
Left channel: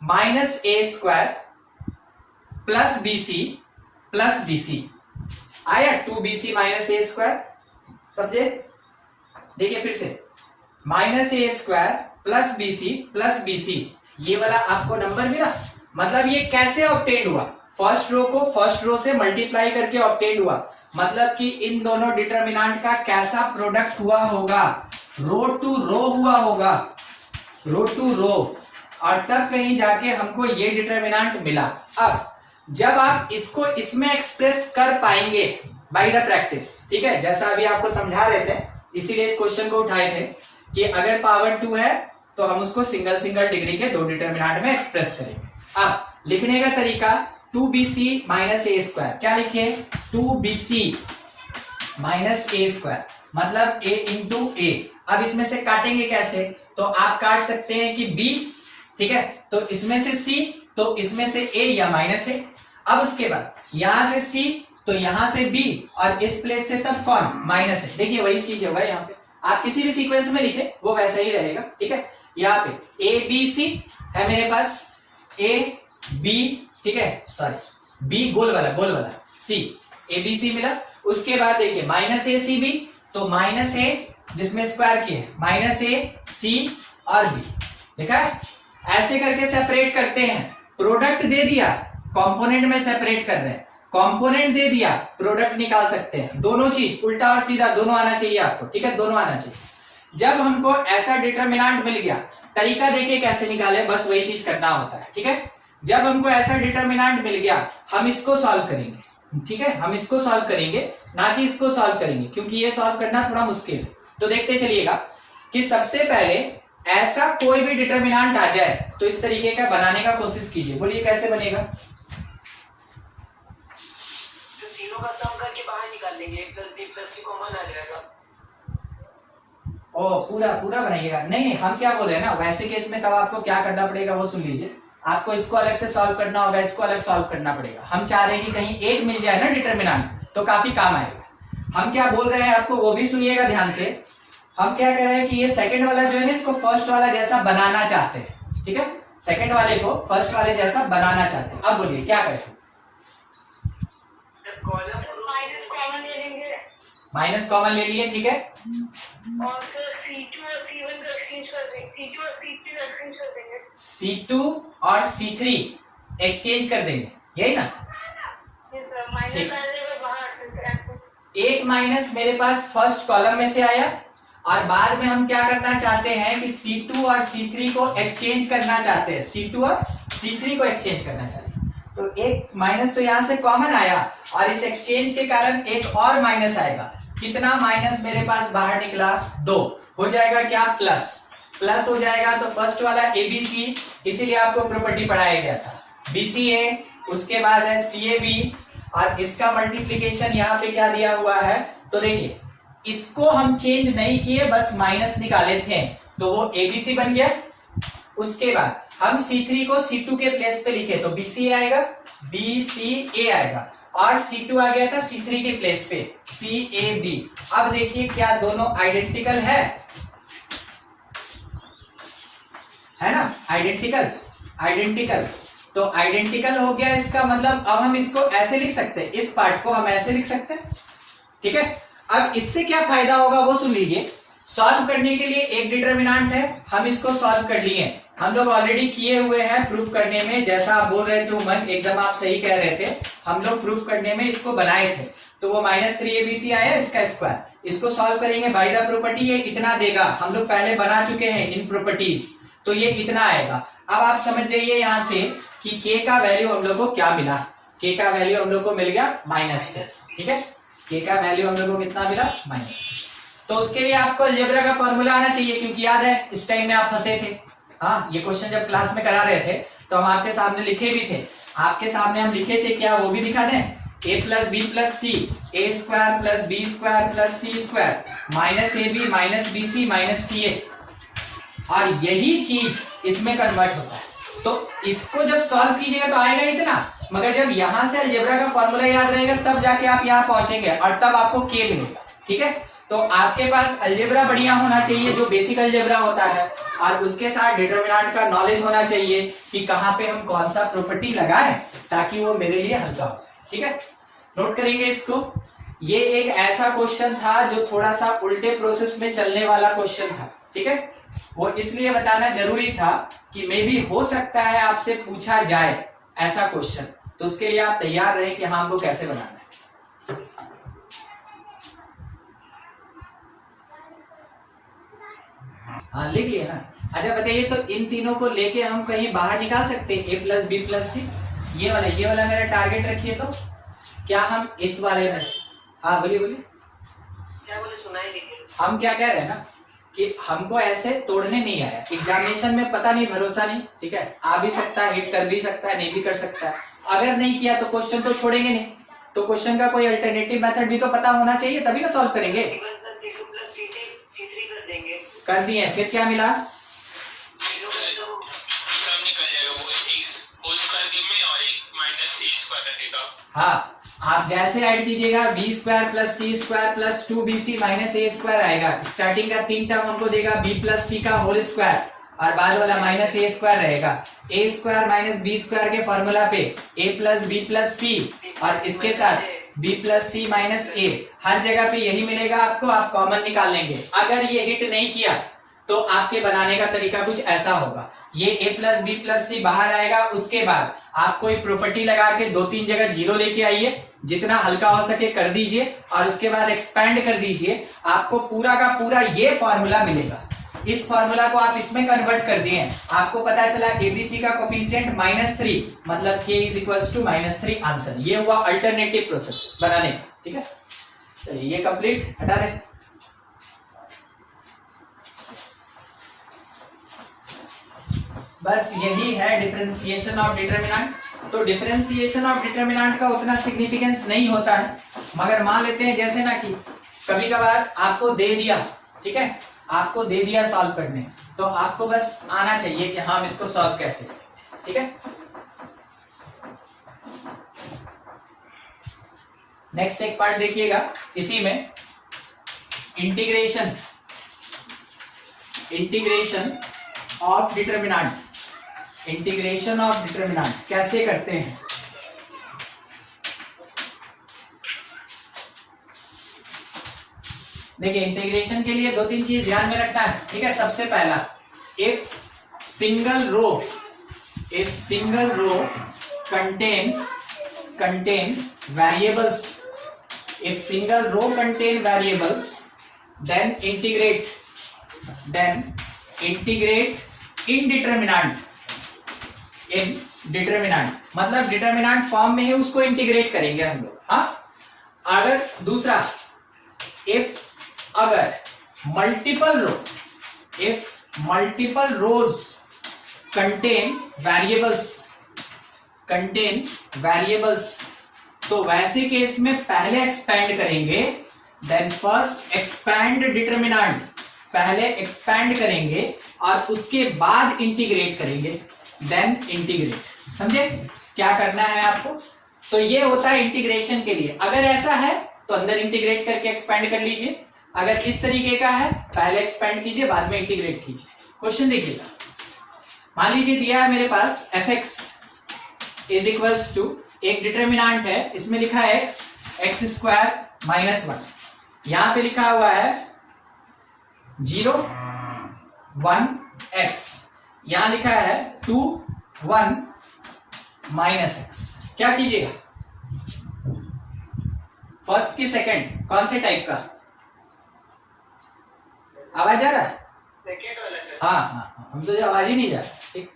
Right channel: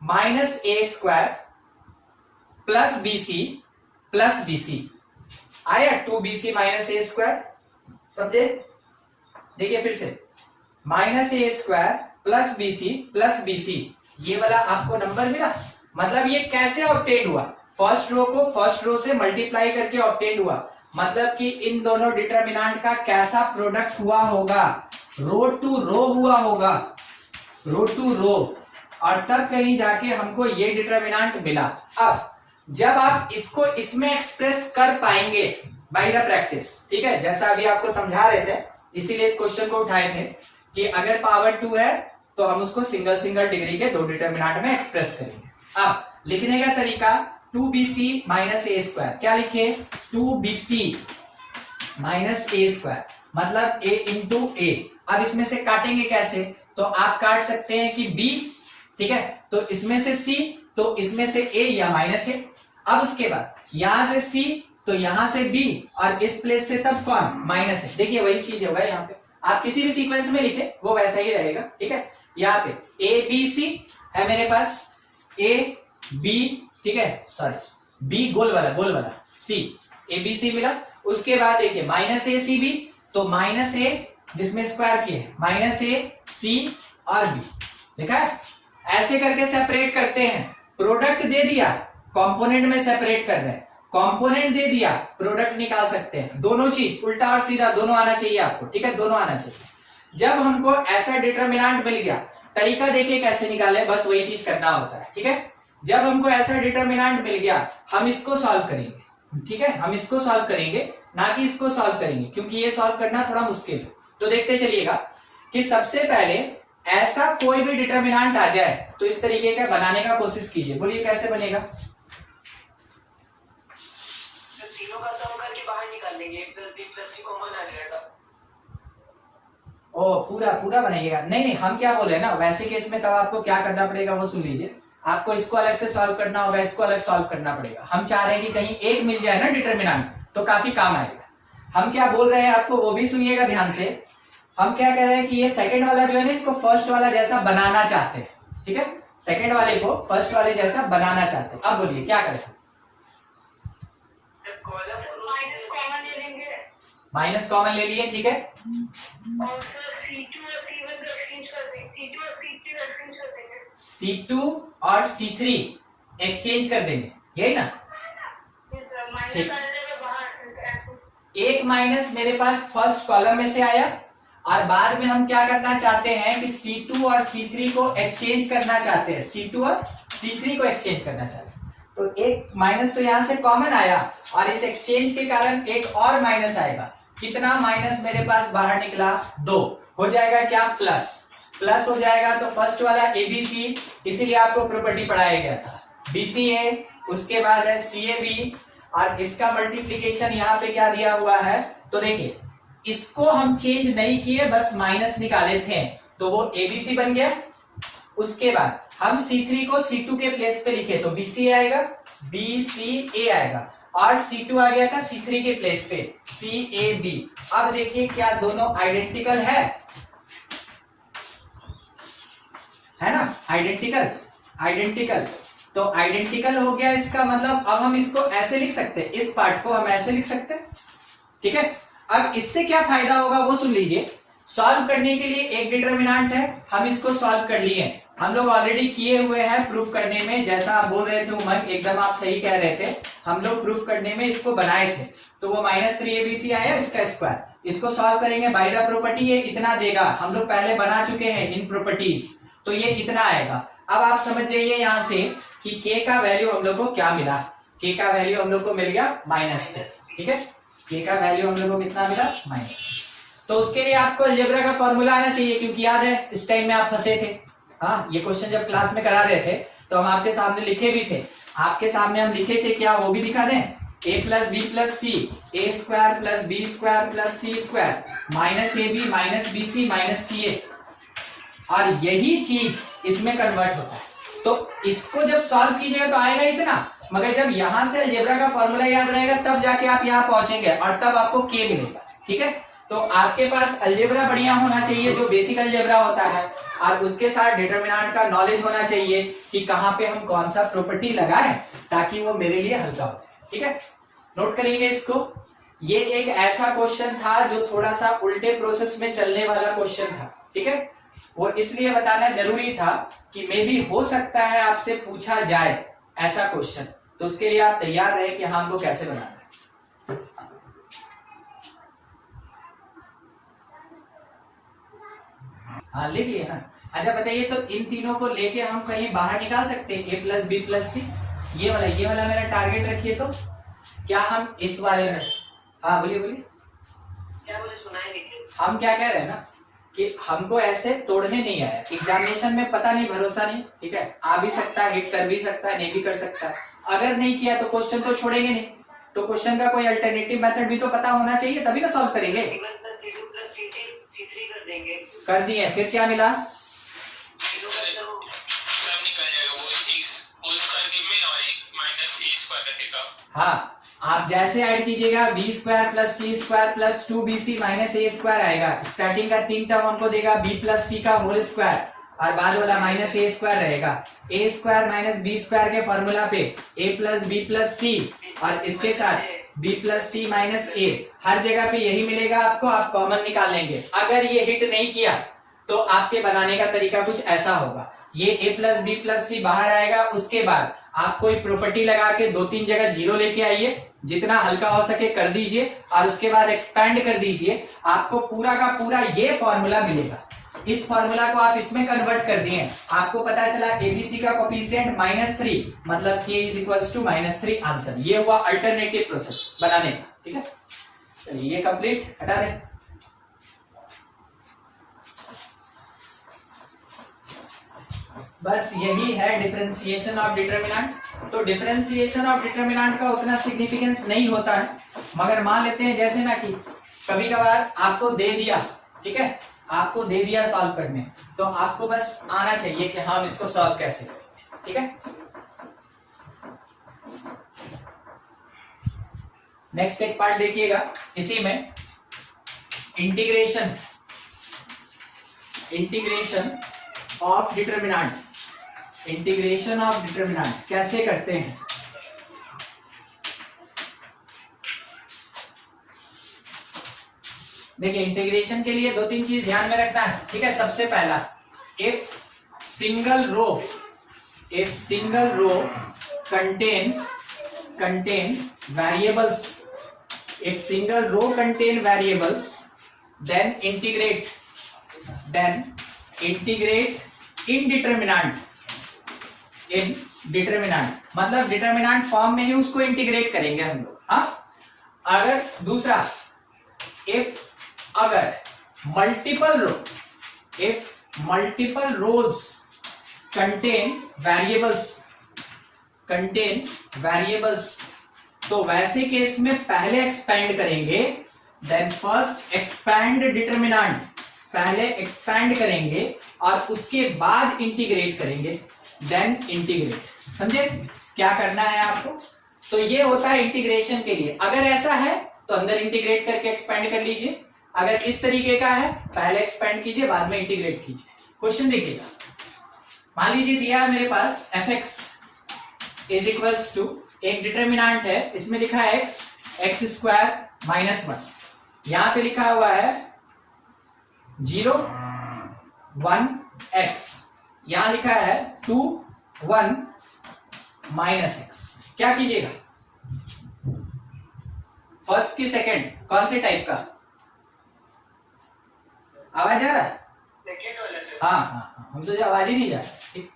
माइनस ए स्क्वायर प्लस बी सी आया, 2bc माइनस ए स्क्वायर। समझे, देखिए फिर से माइनस ए स्क्वायर प्लस बी सी, ये वाला आपको नंबर मिला। मतलब ये कैसे ऑब्टेन हुआ, फर्स्ट रो को फर्स्ट रो से मल्टीप्लाई करके ऑब्टेन हुआ, मतलब कि इन दोनों डिटरमिनेंट का कैसा प्रोडक्ट हुआ होगा, रो टू रो हुआ होगा, रो टू रो, और तब कहीं जाके हमको ये डिटरमिनेंट मिला। अब जब आप इसको इसमें एक्सप्रेस कर पाएंगे बाय द प्रैक्टिस, ठीक है, जैसा अभी आपको समझा रहे थे, इसीलिए इस क्वेश्चन को उठाए थे कि अगर पावर 2 है तो हम उसको सिंगल सिंगल डिग्री के दो डिटरमिनेंट में एक्सप्रेस करेंगे। अब लिखने का तरीका 2bc माइनस ए स्क्वायर, क्या लिखे, 2bc माइनस ए स्क्वायर, मतलब a इंटू ए। अब इसमें से काटेंगे कैसे, तो आप काट सकते हैं कि b, ठीक है, तो इसमें से c, तो इसमें से a या माइनस a। अब उसके बाद यहां से c, तो यहां से b, और इस प्लेस से तब कौन, माइनस है। देखिए वही चीज होगा यहाँ पे, आप किसी भी सीक्वेंस में लिखे वो वैसा ही रहेगा। ठीक है, यहाँ पे ए बी सी है मेरे पास, ए बी, ठीक है, सॉरी बी गोल वाला सी, ए बी सी मिला। उसके बाद देखिए माइनस ए सी बी, तो माइनस ए जिसमें स्क्वायर किए है, माइनस ए सी और बी, देखा है, ऐसे करके सेपरेट करते हैं। प्रोडक्ट दे दिया, कंपोनेंट में सेपरेट कर रहे हैं, कंपोनेंट दे दिया, प्रोडक्ट निकाल सकते हैं। दोनों चीज उल्टा और सीधा दोनों आना चाहिए आपको, ठीक है, दोनों आना चाहिए। जब हमको ऐसा डिटरमिनेंट मिल गया, तरीका देखिए कैसे निकाले, बस वही चीज करना होता है। ठीक है, जब हमको ऐसा डिटरमिनेंट मिल गया, हम इसको सॉल्व करेंगे। ठीक है, हम इसको सॉल्व करेंगे, ना कि इसको सॉल्व करेंगे, क्योंकि ये सॉल्व करना थोड़ा मुश्किल है। तो देखते चलिएगा कि सबसे पहले ऐसा कोई भी डिटरमिनेंट आ जाए तो इस तरीके का बनाने का कोशिश कीजिए। बोलिए कैसे बनेगा, तीनों का सम करके बाहर निकाल लेंगे, a plus B plus C common आ जाएगा। ओ पूरा बनाइएगा, नहीं हम क्या बोल रहे हैं ना, वैसे केस में तब आपको क्या करना पड़ेगा वो सुन लीजिए। आपको इसको अलग से सॉल्व करना होगा, इसको अलग सॉल्व करना पड़ेगा। हम चाह रहे हैं कि कहीं एक मिल जाए ना डिटरमिनेंट, तो काफी काम आएगा। हम क्या बोल रहे हैं आपको वो भी सुनिएगा ध्यान से। हम क्या कह रहे हैं कि ये सेकंड वाला जो है ना, इसको फर्स्ट वाला जैसा बनाना चाहते हैं। ठीक है, सेकंड वाले को फर्स्ट वाले जैसा बनाना चाहते हैं। अब बोलिए क्या करें, माइनस कॉमन ले लिए, ठीक है। और फिर C2 और C1 का एक्सचेंज कर देंगे, C2 और C3 का एक्सचेंज कर देंगे। C2 और C3 एक्सचेंज कर देंगे, यही ना। माइनस ठीक। आ जाएगा बाहर। एक माइनस मेरे पास फर्स्ट कॉलम में से आया और बाद में हम क्या करना चाहते हैं कि C2 और C3 को एक्सचेंज करना चाहते हैं, C2 और C3 को एक्सचेंज करना चाहते हैं। तो एक माइनस तो यहां से कॉमन आया और इस एक्सचेंज के कारण एक और माइनस आएगा। कितना माइनस मेरे पास बाहर निकला, 2 हो जाएगा क्या, प्लस प्लस हो जाएगा। तो फर्स्ट वाला ABC, इसीलिए आपको प्रॉपर्टी पढ़ाया गया था, BCA, उसके बाद है CAB और इसका मल्टीप्लीकेशन यहाँ पे क्या दिया हुआ है। तो देखिए इसको हम चेंज नहीं किए, बस माइनस निकाले थे तो वो ABC बन गया। उसके बाद हम C3 को C2 के प्लेस पे लिखे तो BCA आएगा, BCA आएगा और C2 आ गया था C3 के प्लेस पे, CAB। अब देखिए क्या दोनों आइडेंटिकल है ना, आइडेंटिकल आइडेंटिकल। तो आइडेंटिकल हो गया, इसका मतलब अब हम इसको ऐसे लिख सकते हैं, इस पार्ट को हम ऐसे लिख सकते हैं, ठीक है। अब इससे क्या फायदा होगा वो सुन लीजिए। सॉल्व करने के लिए एक डिटरमिनेंट है, हम इसको सॉल्व कर लिए, हम लोग ऑलरेडी किए हुए हैं प्रूफ करने में, जैसा आप बोल रहे थे उमंग, एकदम आप सही कह रहे थे, हम लोग प्रूफ करने में इसको बनाए थे। तो वो -3ABC आया इसका स्क्वायर, इसको सॉल्व करेंगे बाय द प्रॉपर्टी, ये इतना देगा, हम लोग पहले बना चुके हैं इन प्रॉपर्टीज, तो ये इतना आएगा। अब आप समझ जाइए यहां से कि k का वैल्यू हम लोग को क्या मिला, k का वैल्यू हम लोग को मिल गया -3, ठीक है। k का वैल्यू हम लोग को कितना मिला, -3। तो उसके लिए आपको अलजेब्रा का फॉर्मूला आना चाहिए, क्योंकि याद है इस टाइम में आप फंसे थे। हाँ, ये क्वेश्चन जब क्लास में करा रहे थे तो हम आपके सामने लिखे भी थे, आपके सामने हम लिखे थे, क्या वो भी दिखा दें, a + b + c, a² + b² + c² -ab -bc -ca, और यही चीज इसमें कन्वर्ट होता है। तो इसको जब सॉल्व कीजिएगा तो आएगा इतना, मगर जब यहां से अलजेब्रा का फॉर्मूला याद रहेगा तब जाके आप यहां पहुंचेंगे और तब आपको k मिलेगा, ठीक है। तो आपके पास अलजेब्रा बढ़िया होना चाहिए, जो बेसिक अलजेब्रा होता है, और उसके साथ डिटरमिनेंट का नॉलेज होना चाहिए कि कहां पे हम कौन सा प्रॉपर्टी लगाएं ताकि वो मेरे लिए हल्का हो जाए, ठीक है। नोट करेंगे इसको। ये एक ऐसा क्वेश्चन था जो थोड़ा सा उल्टे प्रोसेस में चलने वाला क्वेश्चन था, ठीक है। वो इसलिए बताना जरूरी था कि मे भी हो सकता है आपसे पूछा जाए ऐसा क्वेश्चन, तो उसके लिए आप तैयार रहे कि हाँ हमको कैसे बनाना है। हाँ लिख लिया ना। अच्छा बताइए, तो इन तीनों को लेके हम कहीं बाहर निकाल सकते हैं, a + b + c, ये वाला मेरा टारगेट रखिए। तो क्या हम इस वाले में, हाँ बोलिए बोलिए, क्या बोले, सुनाई नहीं। हम क्या कह रहे हैं ना कि हमको ऐसे तोड़ने नहीं आया, एग्जामिनेशन में पता नहीं, भरोसा नहीं, ठीक है। आ भी सकता है, हिट कर भी सकता है, नहीं भी कर सकता है। अगर नहीं किया तो क्वेश्चन तो छोड़ेंगे नहीं, तो क्वेश्चन का कोई अल्टरनेटिव मेथड भी तो पता होना चाहिए, तभी ना सॉल्व करेंगे। कर दिए, फिर क्या मिला, हाँ आप जैसे ऐड कीजिएगा b² + c² + 2bc - a² आएगा। स्टार्टिंग का 3 टर्म हमको देगा b + c का होल स्क्वायर और बाद वाला -a² रहेगा। a² - b² के फॉर्मूला पे a + b + c और इसके साथ b + c - a, हर जगह पे यही मिलेगा आपको, आप कॉमन निकाल लेंगे। अगर ये हिट नहीं किया तो आपके बनाने का तरीका कुछ ऐसा होगा, ये a + b + c बाहर आएगा, उसके बाद आप कोई प्रॉपर्टी लगा के 2-3 जगह 0 लेके आइए, जितना हल्का हो सके कर दीजिए और उसके बाद एक्सपैंड कर दीजिए, आपको पूरा का पूरा ये फॉर्मूला मिलेगा। इस फॉर्मूला को आप इसमें कन्वर्ट कर दिए, आपको पता चला ABC का कोफिशिएंट -3, मतलब k = -3 आंसर। ये हुआ अल्टरनेटिव प्रोसेस बनाने का, ठीक है। चलिए ये कंप्लीट, हटा दें। बस यही है डिफरेंशिएशन ऑफ डिटरमिनेंट। तो डिफरेंशिएशन ऑफ डिटरमिनेंट का उतना सिग्निफिकेंस नहीं होता है, मगर मान लेते हैं जैसे ना कि कभी कभार आपको दे दिया, ठीक है, आपको दे दिया सॉल्व करने, तो आपको बस आना चाहिए कि हम इसको सॉल्व कैसे करें, ठीक है। नेक्स्ट एक पार्ट देखिएगा, इसी में integration of determinant, integration of determinant कैसे करते हैं। देखिए इंटीग्रेशन के लिए 2-3 चीज ध्यान में रखना है, ठीक है। सबसे पहला, if single row contain variables, if single row contain variables, then integrate in determinant, मतलब डिटर्मिनेंट फॉर्म में ही उसको इंटीग्रेट करेंगे हम लोग। हाँ, अगर दूसरा, अगर मल्टीपल रोज कंटेन वेरिएबल्स, तो वैसे केस में पहले एक्सपैंड करेंगे, देन फर्स्ट एक्सपैंड डिटर्मिनेंट, पहले एक्सपैंड करेंगे और उसके बाद इंटीग्रेट करेंगे, देन इंटीग्रेट। समझे क्या करना है आपको? तो ये होता है इंटीग्रेशन के लिए। अगर ऐसा है तो अंदर इंटीग्रेट करके एक्सपैंड कर लीजिए, अगर इस तरीके का है पहले एक्सपैंड कीजिए बाद में इंटीग्रेट कीजिए। क्वेश्चन देखिएगा, मान लीजिए दिया है मेरे पास fx इज इक्वल्स टू, एक डिटर्मिनेंट है, इसमें लिखा है x स्क्वायर -1, यहां पे लिखा हुआ है 0 1 x, यहां लिखा है 2 1 -x। क्या कीजिएगा? फर्स्ट की सेकंड कौन से टाइप का? आवाज आ रहा है? सेकंड वाला सर। हाँ, हम सोचे आवाज ही नहीं जा रहा। ठीक,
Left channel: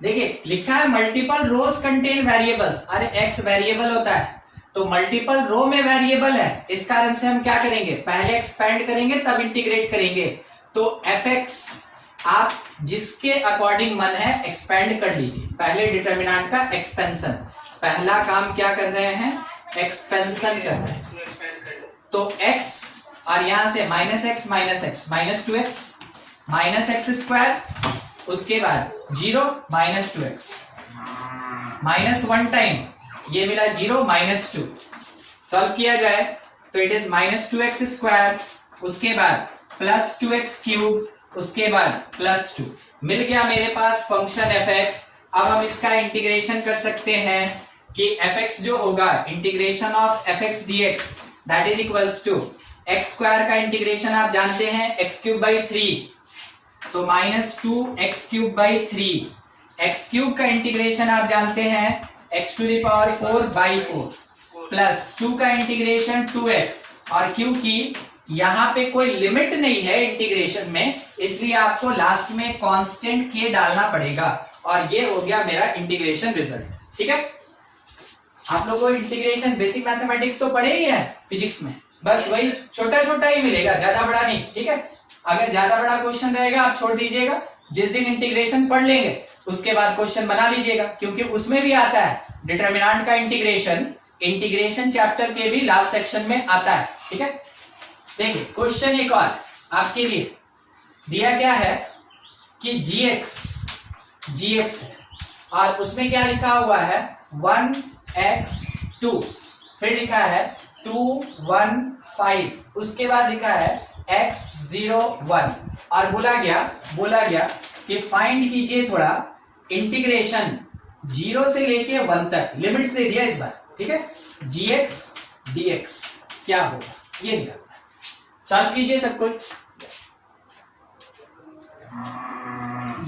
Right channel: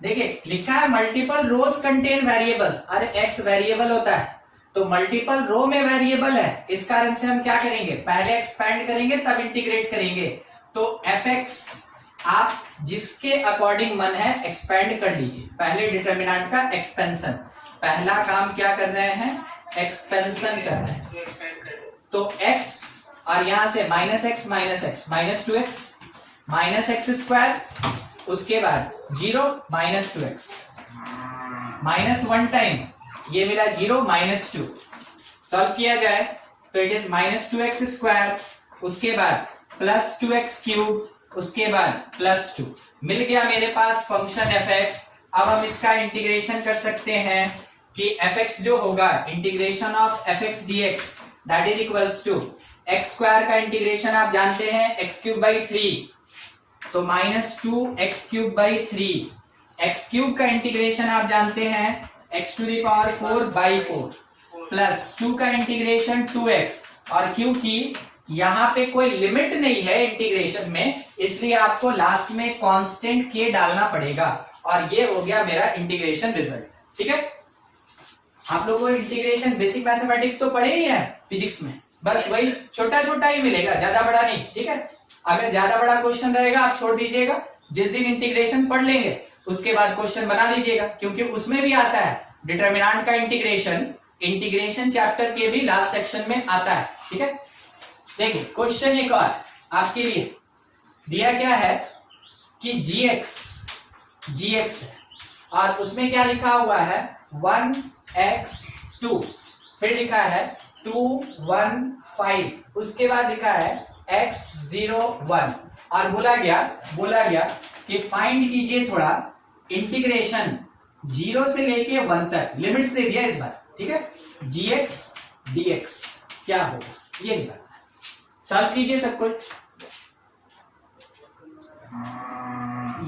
देखिए लिखा है मल्टीपल रोज कंटेन वेरिएबल्स। अरे एक्स वेरिएबल होता है तो मल्टीपल रो में वेरिएबल है, इस कारण से हम क्या करेंगे, पहले एक्सपैंड करेंगे तब इंटीग्रेट करेंगे। तो fx आप जिसके अकॉर्डिंग मन है एक्सपैंड कर लीजिए, पहले डिटर्मिनेंट का एक्सपेंशन, पहला काम क्या कर रहे हैं, एक्सपेंशन कर रहे हैं। तो x और यहां से -x -2x -x², उसके बाद 0 -2x -1 टाइम, ये मिला 0 -2, सॉल्व किया जाए तो इट इज -2x², उसके बाद +2x³, उसके बाद +2, मिल गया मेरे पास फंक्शन fx। अब हम इसका इंटीग्रेशन कर सकते हैं कि fx जो होगा integration of fx dx that is equals to x² का इंटीग्रेशन आप जानते हैं x³/3, तो -2x³/3, x³ का इंटीग्रेशन आप जानते हैं x⁴/4 प्लस 2 का इंटीग्रेशन 2x, और क्योंकि यहां पे कोई लिमिट नहीं है इंटीग्रेशन में, इसलिए आपको लास्ट में कांस्टेंट k डालना पड़ेगा, और ये हो गया मेरा इंटीग्रेशन रिजल्ट। ठीक है, आप लोगों को इंटीग्रेशन बेसिक मैथमेटिक्स तो पढ़े ही है फिजिक्स में, बस वही छोटा छोटा ही मिलेगा, ज्यादा बड़ा नहीं। ठीक है, अगर ज्यादा बड़ा क्वेश्चन रहेगा आप छोड़ दीजिएगा, जिस दिन इंटीग्रेशन पढ़ लेंगे उसके बाद क्वेश्चन बना लीजिएगा, क्योंकि उसमें भी आता है डिटर्मिनेंट का इंटीग्रेशन चैप्टर के भी लास्ट सेक्शन में आता है। ठीक है, देखिए क्वेश्चन एक और आपके लिए दिया गया है कि gx है और उसमें क्या लिखा हुआ है 1x2, फिर लिखा है 215, उसके बाद लिखा है x01, और बोला गया कि फाइंड कीजिए थोड़ा इंटीग्रेशन 0 से लेके 1 तक, लिमिट्स दे दिया इस बार। ठीक है, gx dx क्या होगा ये निकालना है, सॉल्व कीजिए सब कुछ।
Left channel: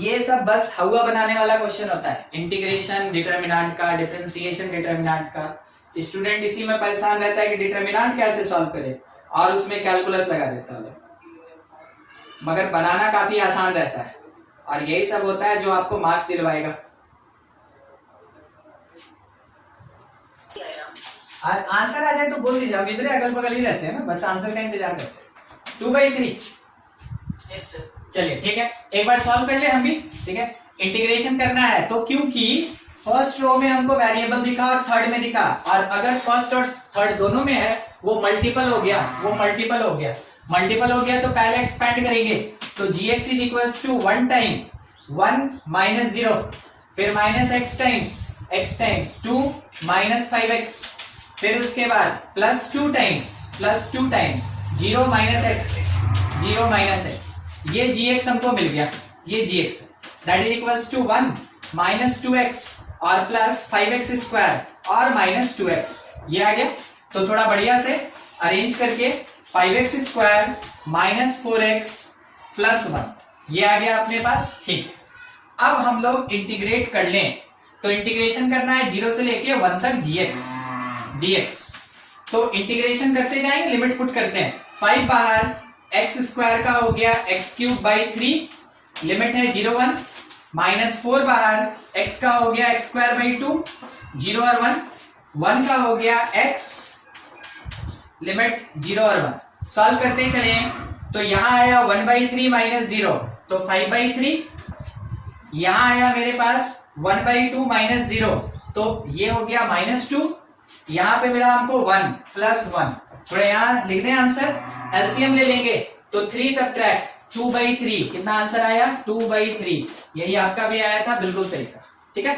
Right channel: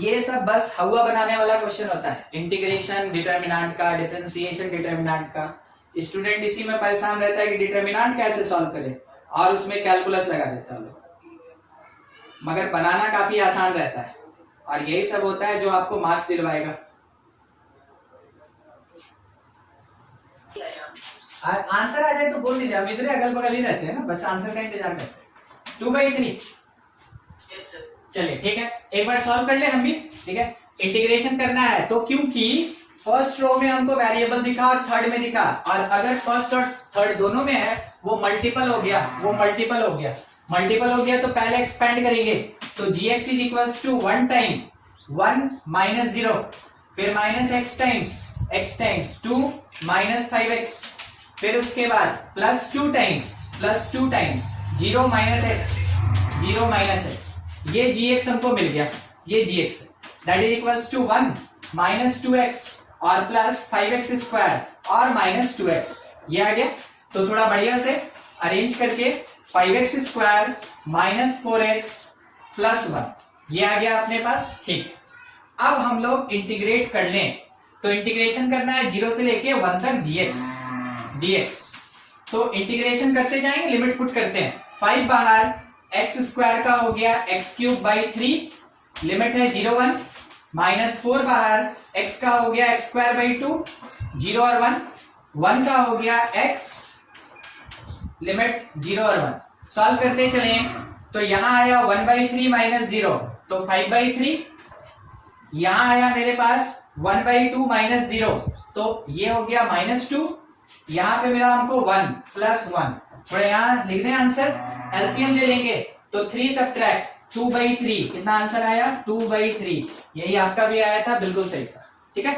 ये सब बस हवा बनाने वाला क्वेश्चन होता है, इंटीग्रेशन डिटर्मिनेंट का, डिफरेंशिएशन डिटर्मिनेंट का। स्टूडेंट इसी में परेशान रहता है कि डिटर्मिनेंट कैसे सॉल्व करे, और उसमें कैलकुलस लगा देता है, मगर बनाना काफी आसान रहता है, और यही सब होता है जो आपको मार्क्स दिलवाएगा। आंसर आ जाए तो बोल दीजिए, हम इधर अगल बगल ही रहते हैं ना, बस आंसर का इंतजार करते हैं। 2/3 चलिए ठीक है, एक बार सॉल्व कर ले हम भी। ठीक है, इंटीग्रेशन करना है तो क्योंकि फर्स्ट रो में हमको वेरिएबल दिखा और थर्ड में दिखा, और अगर फर्स्ट और थर्ड दोनों में है वो मल्टीपल हो गया, मल्टीपल हो गया तो पहले एक्सपेंड करेंगे, तो gx is equals to 1 time 1 - 0, फिर -x टाइम्स 2 - 5x, फिर उसके बाद +2 टाइम्स 0 - x, ये gx हमको मिल गया, ये gx है, that is equals to 1 - 2x और प्लस 5x² और -2x, ये आ गया। तो थोड़ा बढ़िया से अरेंज करके 5x square minus 4x plus 1, ये आ गया अपने पास। ठीक, अब हम लोग इंटीग्रेट कर लें, तो इंटीग्रेशन करना है 0 से लेके 1 तक dx। तो इंटीग्रेशन करते जाएंगे, लिमिट पुट करते हैं। 5 बाहर, x स्क्वायर का हो गया x क्यूब बाई 3, लिमिट है 0 1, माइनस 4 बाहर, x का हो गया x स्क्वायर बाई 2, 0 और 1, 1 का हो गया x, लिमिट 0 और 1। सॉल्व करते चले, तो यहां आया 1/3 माइनस 0, तो 5/3। यहां आया मेरे पास 1/2 माइनस 0, तो ये हो गया -2। यहां पे मिला हमको 1 प्लस 1, थोड़ा यहां लिख दें आंसर, एलसीएम ले लेंगे, तो 3 सब्ट्रैक्ट 2/3, कितना आंसर आया 2/3। यही आपका भी आया था, बिल्कुल सही था। ठीक है।